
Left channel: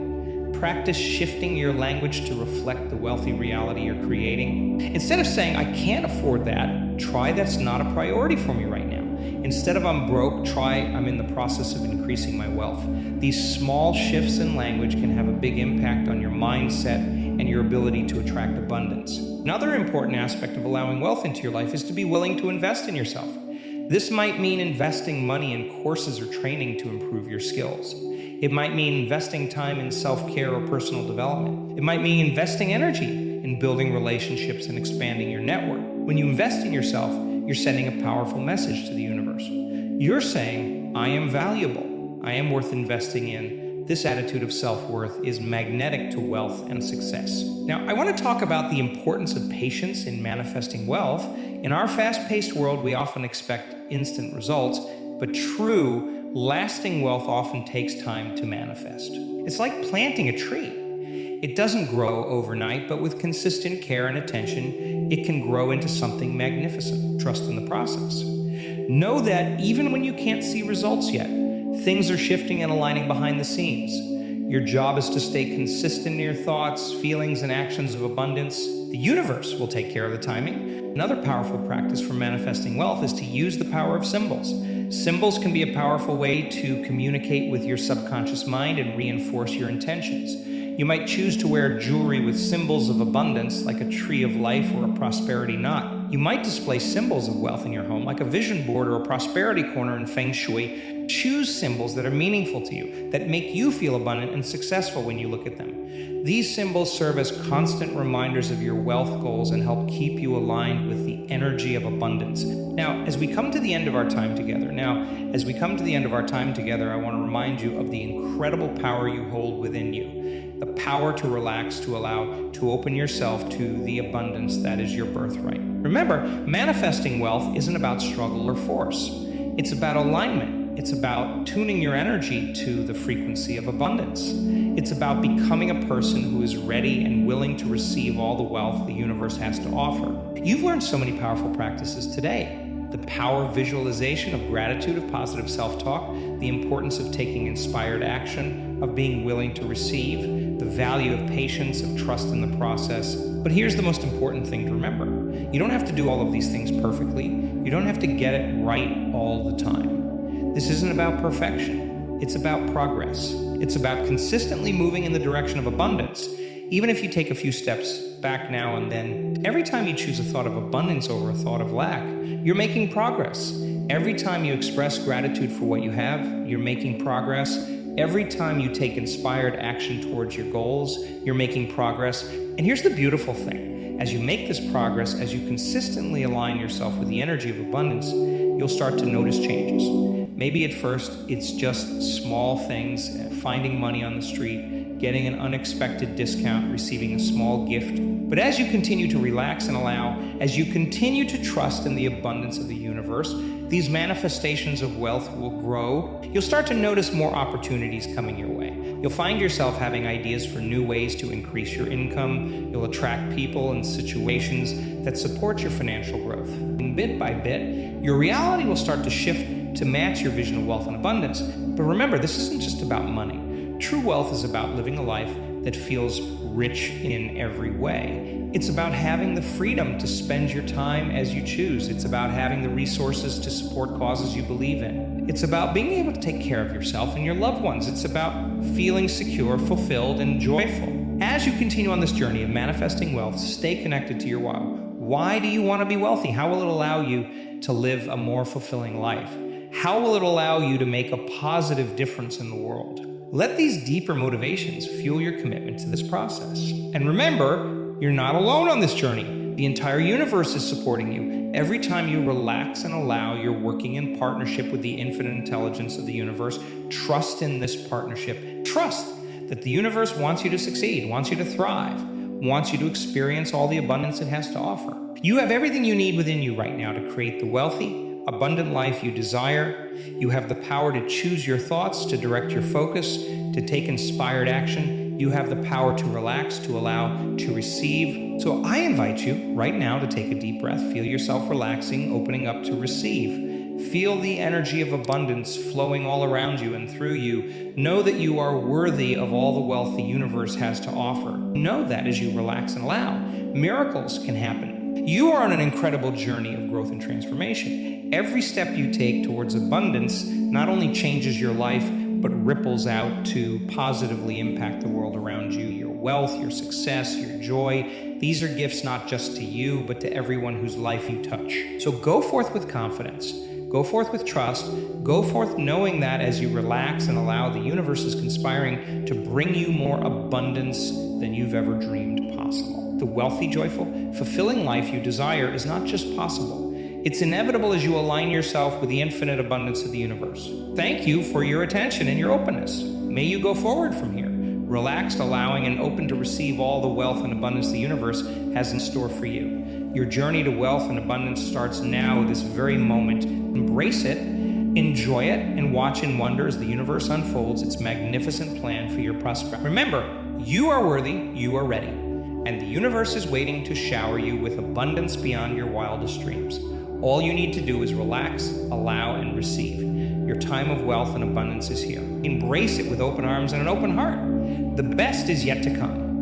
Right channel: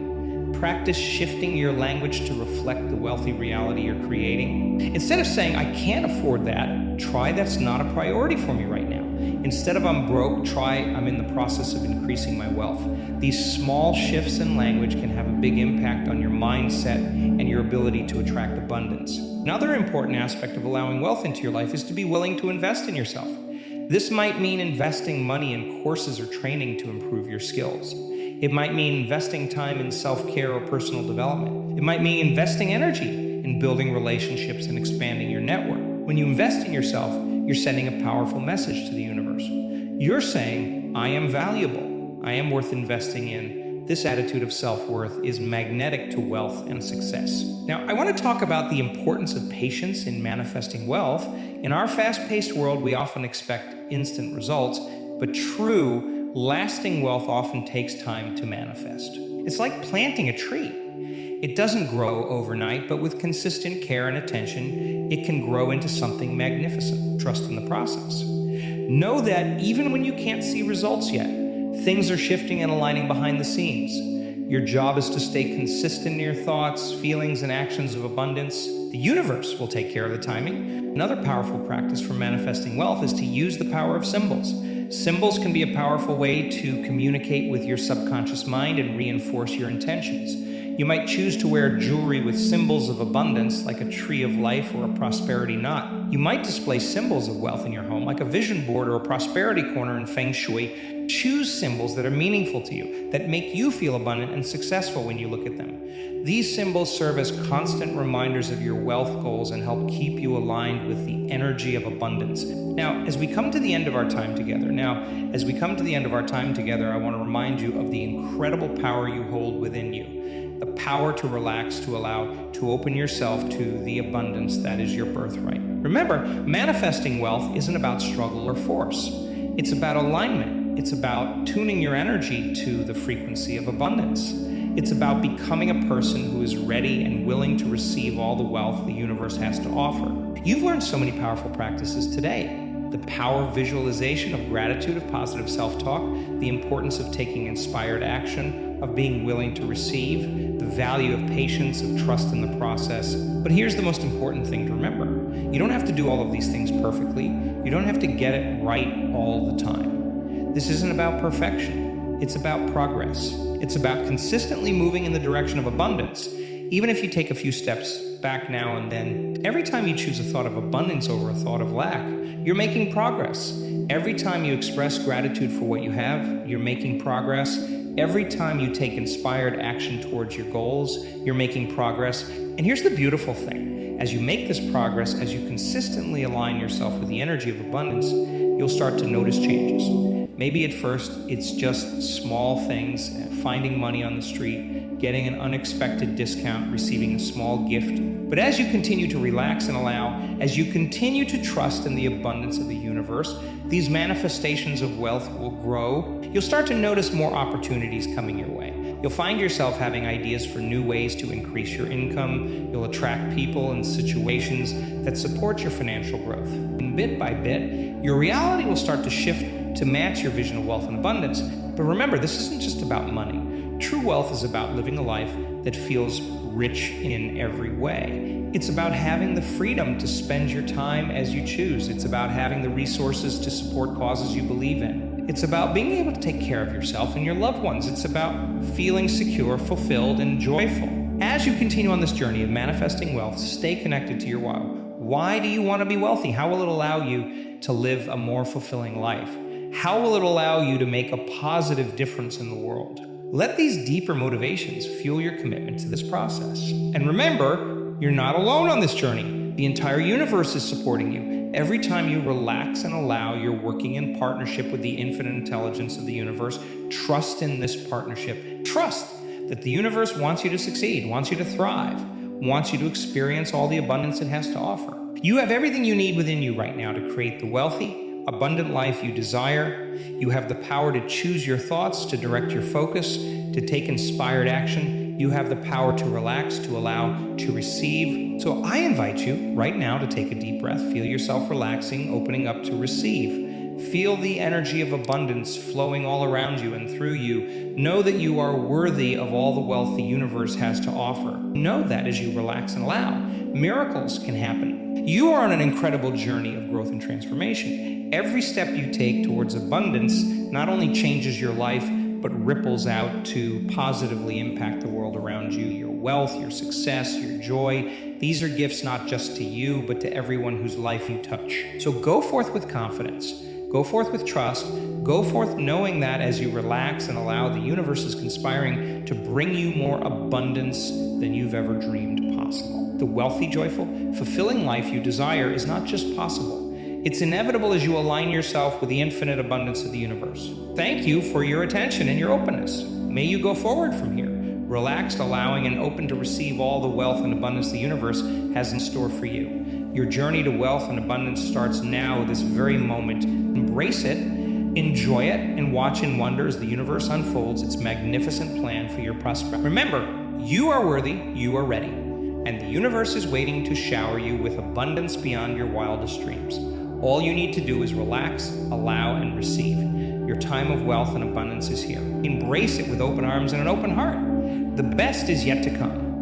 Practice shifting your language to reflect the wealthy reality you're creating. Instead of saying, I can't afford that, try that's not a priority for me right now. Instead of I'm broke, try I'm in the process of increasing my wealth. These small shifts in language can have a big impact on your mindset and your ability to attract abundance. Another important aspect of allowing wealth into your life is to be willing to invest in yourself. This might mean investing money in courses or training to improve your skills. It might mean investing time in self-care or personal development. It might mean investing energy in building relationships and expanding your network. When you invest in yourself, you're sending a powerful message to the universe. You're saying, I am valuable. I am worth investing in. This attitude of self-worth is magnetic to wealth and success. Now, I want to talk about the importance of patience in manifesting wealth. In our fast-paced world, we often expect instant results, but true, lasting wealth often takes time to manifest. It's like planting a tree. It doesn't grow overnight, but with consistent care and attention, it can grow into something magnificent. Trust in the process. Know that even when you can't see results yet, things are shifting and aligning behind the scenes. Your job is to stay consistent in your thoughts, feelings, and actions of abundance. The universe will take care of the timing. Another powerful practice for manifesting wealth is to use the power of symbols. Symbols can be a powerful way to communicate with your subconscious mind and reinforce your intentions. You might choose to wear jewelry with symbols of abundance, like a tree of life or a prosperity knot. You might display symbols of wealth in your home, like a vision board or a prosperity corner in Feng Shui. Choose symbols that are meaningful to you, that make you feel abundant and successful when you look at them. These symbols serve as constant reminders of your wealth goals and help keep you aligned with the energy of abundance. Now, as we come to the end of our time together, I want to remind you of the incredible power you hold within you. The power to relax, to open yourself to the abundance that is your birthright. Remember, manifesting wealth isn't about struggle or force. It's about alignment. It's about tuning your energy to the frequency of abundance. It's about becoming a person who is ready and willing to receive all the wealth the universe has to offer. You've learned so many powerful practices today. The power of visualization, of gratitude, of positive self-talk, the importance of taking inspired action, of being willing to receive, the value of patience, of trust in the process. But here's the most important thing to remember. You don't have to do all of these things perfectly. You don't have to get it right all the time. This isn't about perfection. It's about progress. It's about consistently moving in the direction of abundance. Even if you take a few steps back now and then, every time you choose a thought of abundance over a thought of lack, you're making progress. Every time you express gratitude for what you have, you're making progress. Every time you take inspired action towards your goals, you're making progress. And here's the beautiful thing. As you make this progress, as you consistently align yourself with the energy of abundance, you'll start to notice changes. Maybe at first, it's just small things, finding money on the street, getting an unexpected discount, receiving a small gift. But as you continue to relax and allow, as you continue to trust in the abundance of the universe, these manifestations of wealth will grow. You'll start to notice more opportunities coming your way. You'll find yourself having ideas for new ways to increase your income. You'll attract people and situations that support your financial growth. And bit by bit, your reality will start to shift to match your vision of wealth and abundance. But remember, this isn't just about money. True wealth is about living a life that feels rich in every way. It's about having the freedom to spend your time as you choose. It's about having the resources to support causes you believe in. It's about being able to take care of yourself and your loved ones. It's about feeling secure, fulfilled, and joyful. As you continue on this journey of manifesting wealth, stay connected to your why. Why do you want to be wealthy? How will it allow you to live a more fulfilling life? How will it allow you to make a positive difference in the world? Let these deeper motivations fuel your commitment to this process. And remember, you're not alone on this journey. The entire universe is supporting you. Every time you relax and allow, you're working in partnership with the infinite intelligence of the universe. Trust in this partnership. Trust that the universe wants you to succeed, wants you to thrive, wants you to experience all the abundance it has to offer. You have everything you need within you right now to create the wealthy, abundant life you desire. You have the power to choose your thoughts, to direct your focus, to take inspired action. You have the power to relax, to allow, to receive. So I invite you right now to take a deep breath. Feel yourself relaxing, opening up to receive. Feel the energy of abundance flowing all around you and through you. Know that you are worthy of all the wealth the universe has to offer. Know that as you relax and allow, miracles can happen. You are on an incredible journey of growth and transformation. Every step you take towards abundance not only changes your life, but ripples out to positively impact the world around you. Your wealth, your success, your joy. These are gifts not just to you, but to everyone whose life you touch. So go forth with confidence. Go forth with trust. Go forth knowing that as you relax and allow, the universe is conspiring to bring you more abundance than you've ever dreamed possible. The wealthy, joyful, fulfilling life you desire is not just possible. It's inevitable as you align yourself with the infinite abundance of the universe. Thank you for your attention and your openness. May you go forward from here, relaxed, allowing, and open to receive all the wealth and abundance the universe has in store for you. Your journey to wealth and abundance starts now, this very moment. Embrace it, enjoy it, and watch in wonder as the universe unfolds its magnificent plan for your prosperity. Remember, you are worthy, you are ready, and the universe is waiting to shower you with abundance beyond your wildest dreams. All you need to do is relax, allow, and receive. Your time of wealth and abundance is here. Embrace it with open arms and an open heart. The best is yet to come.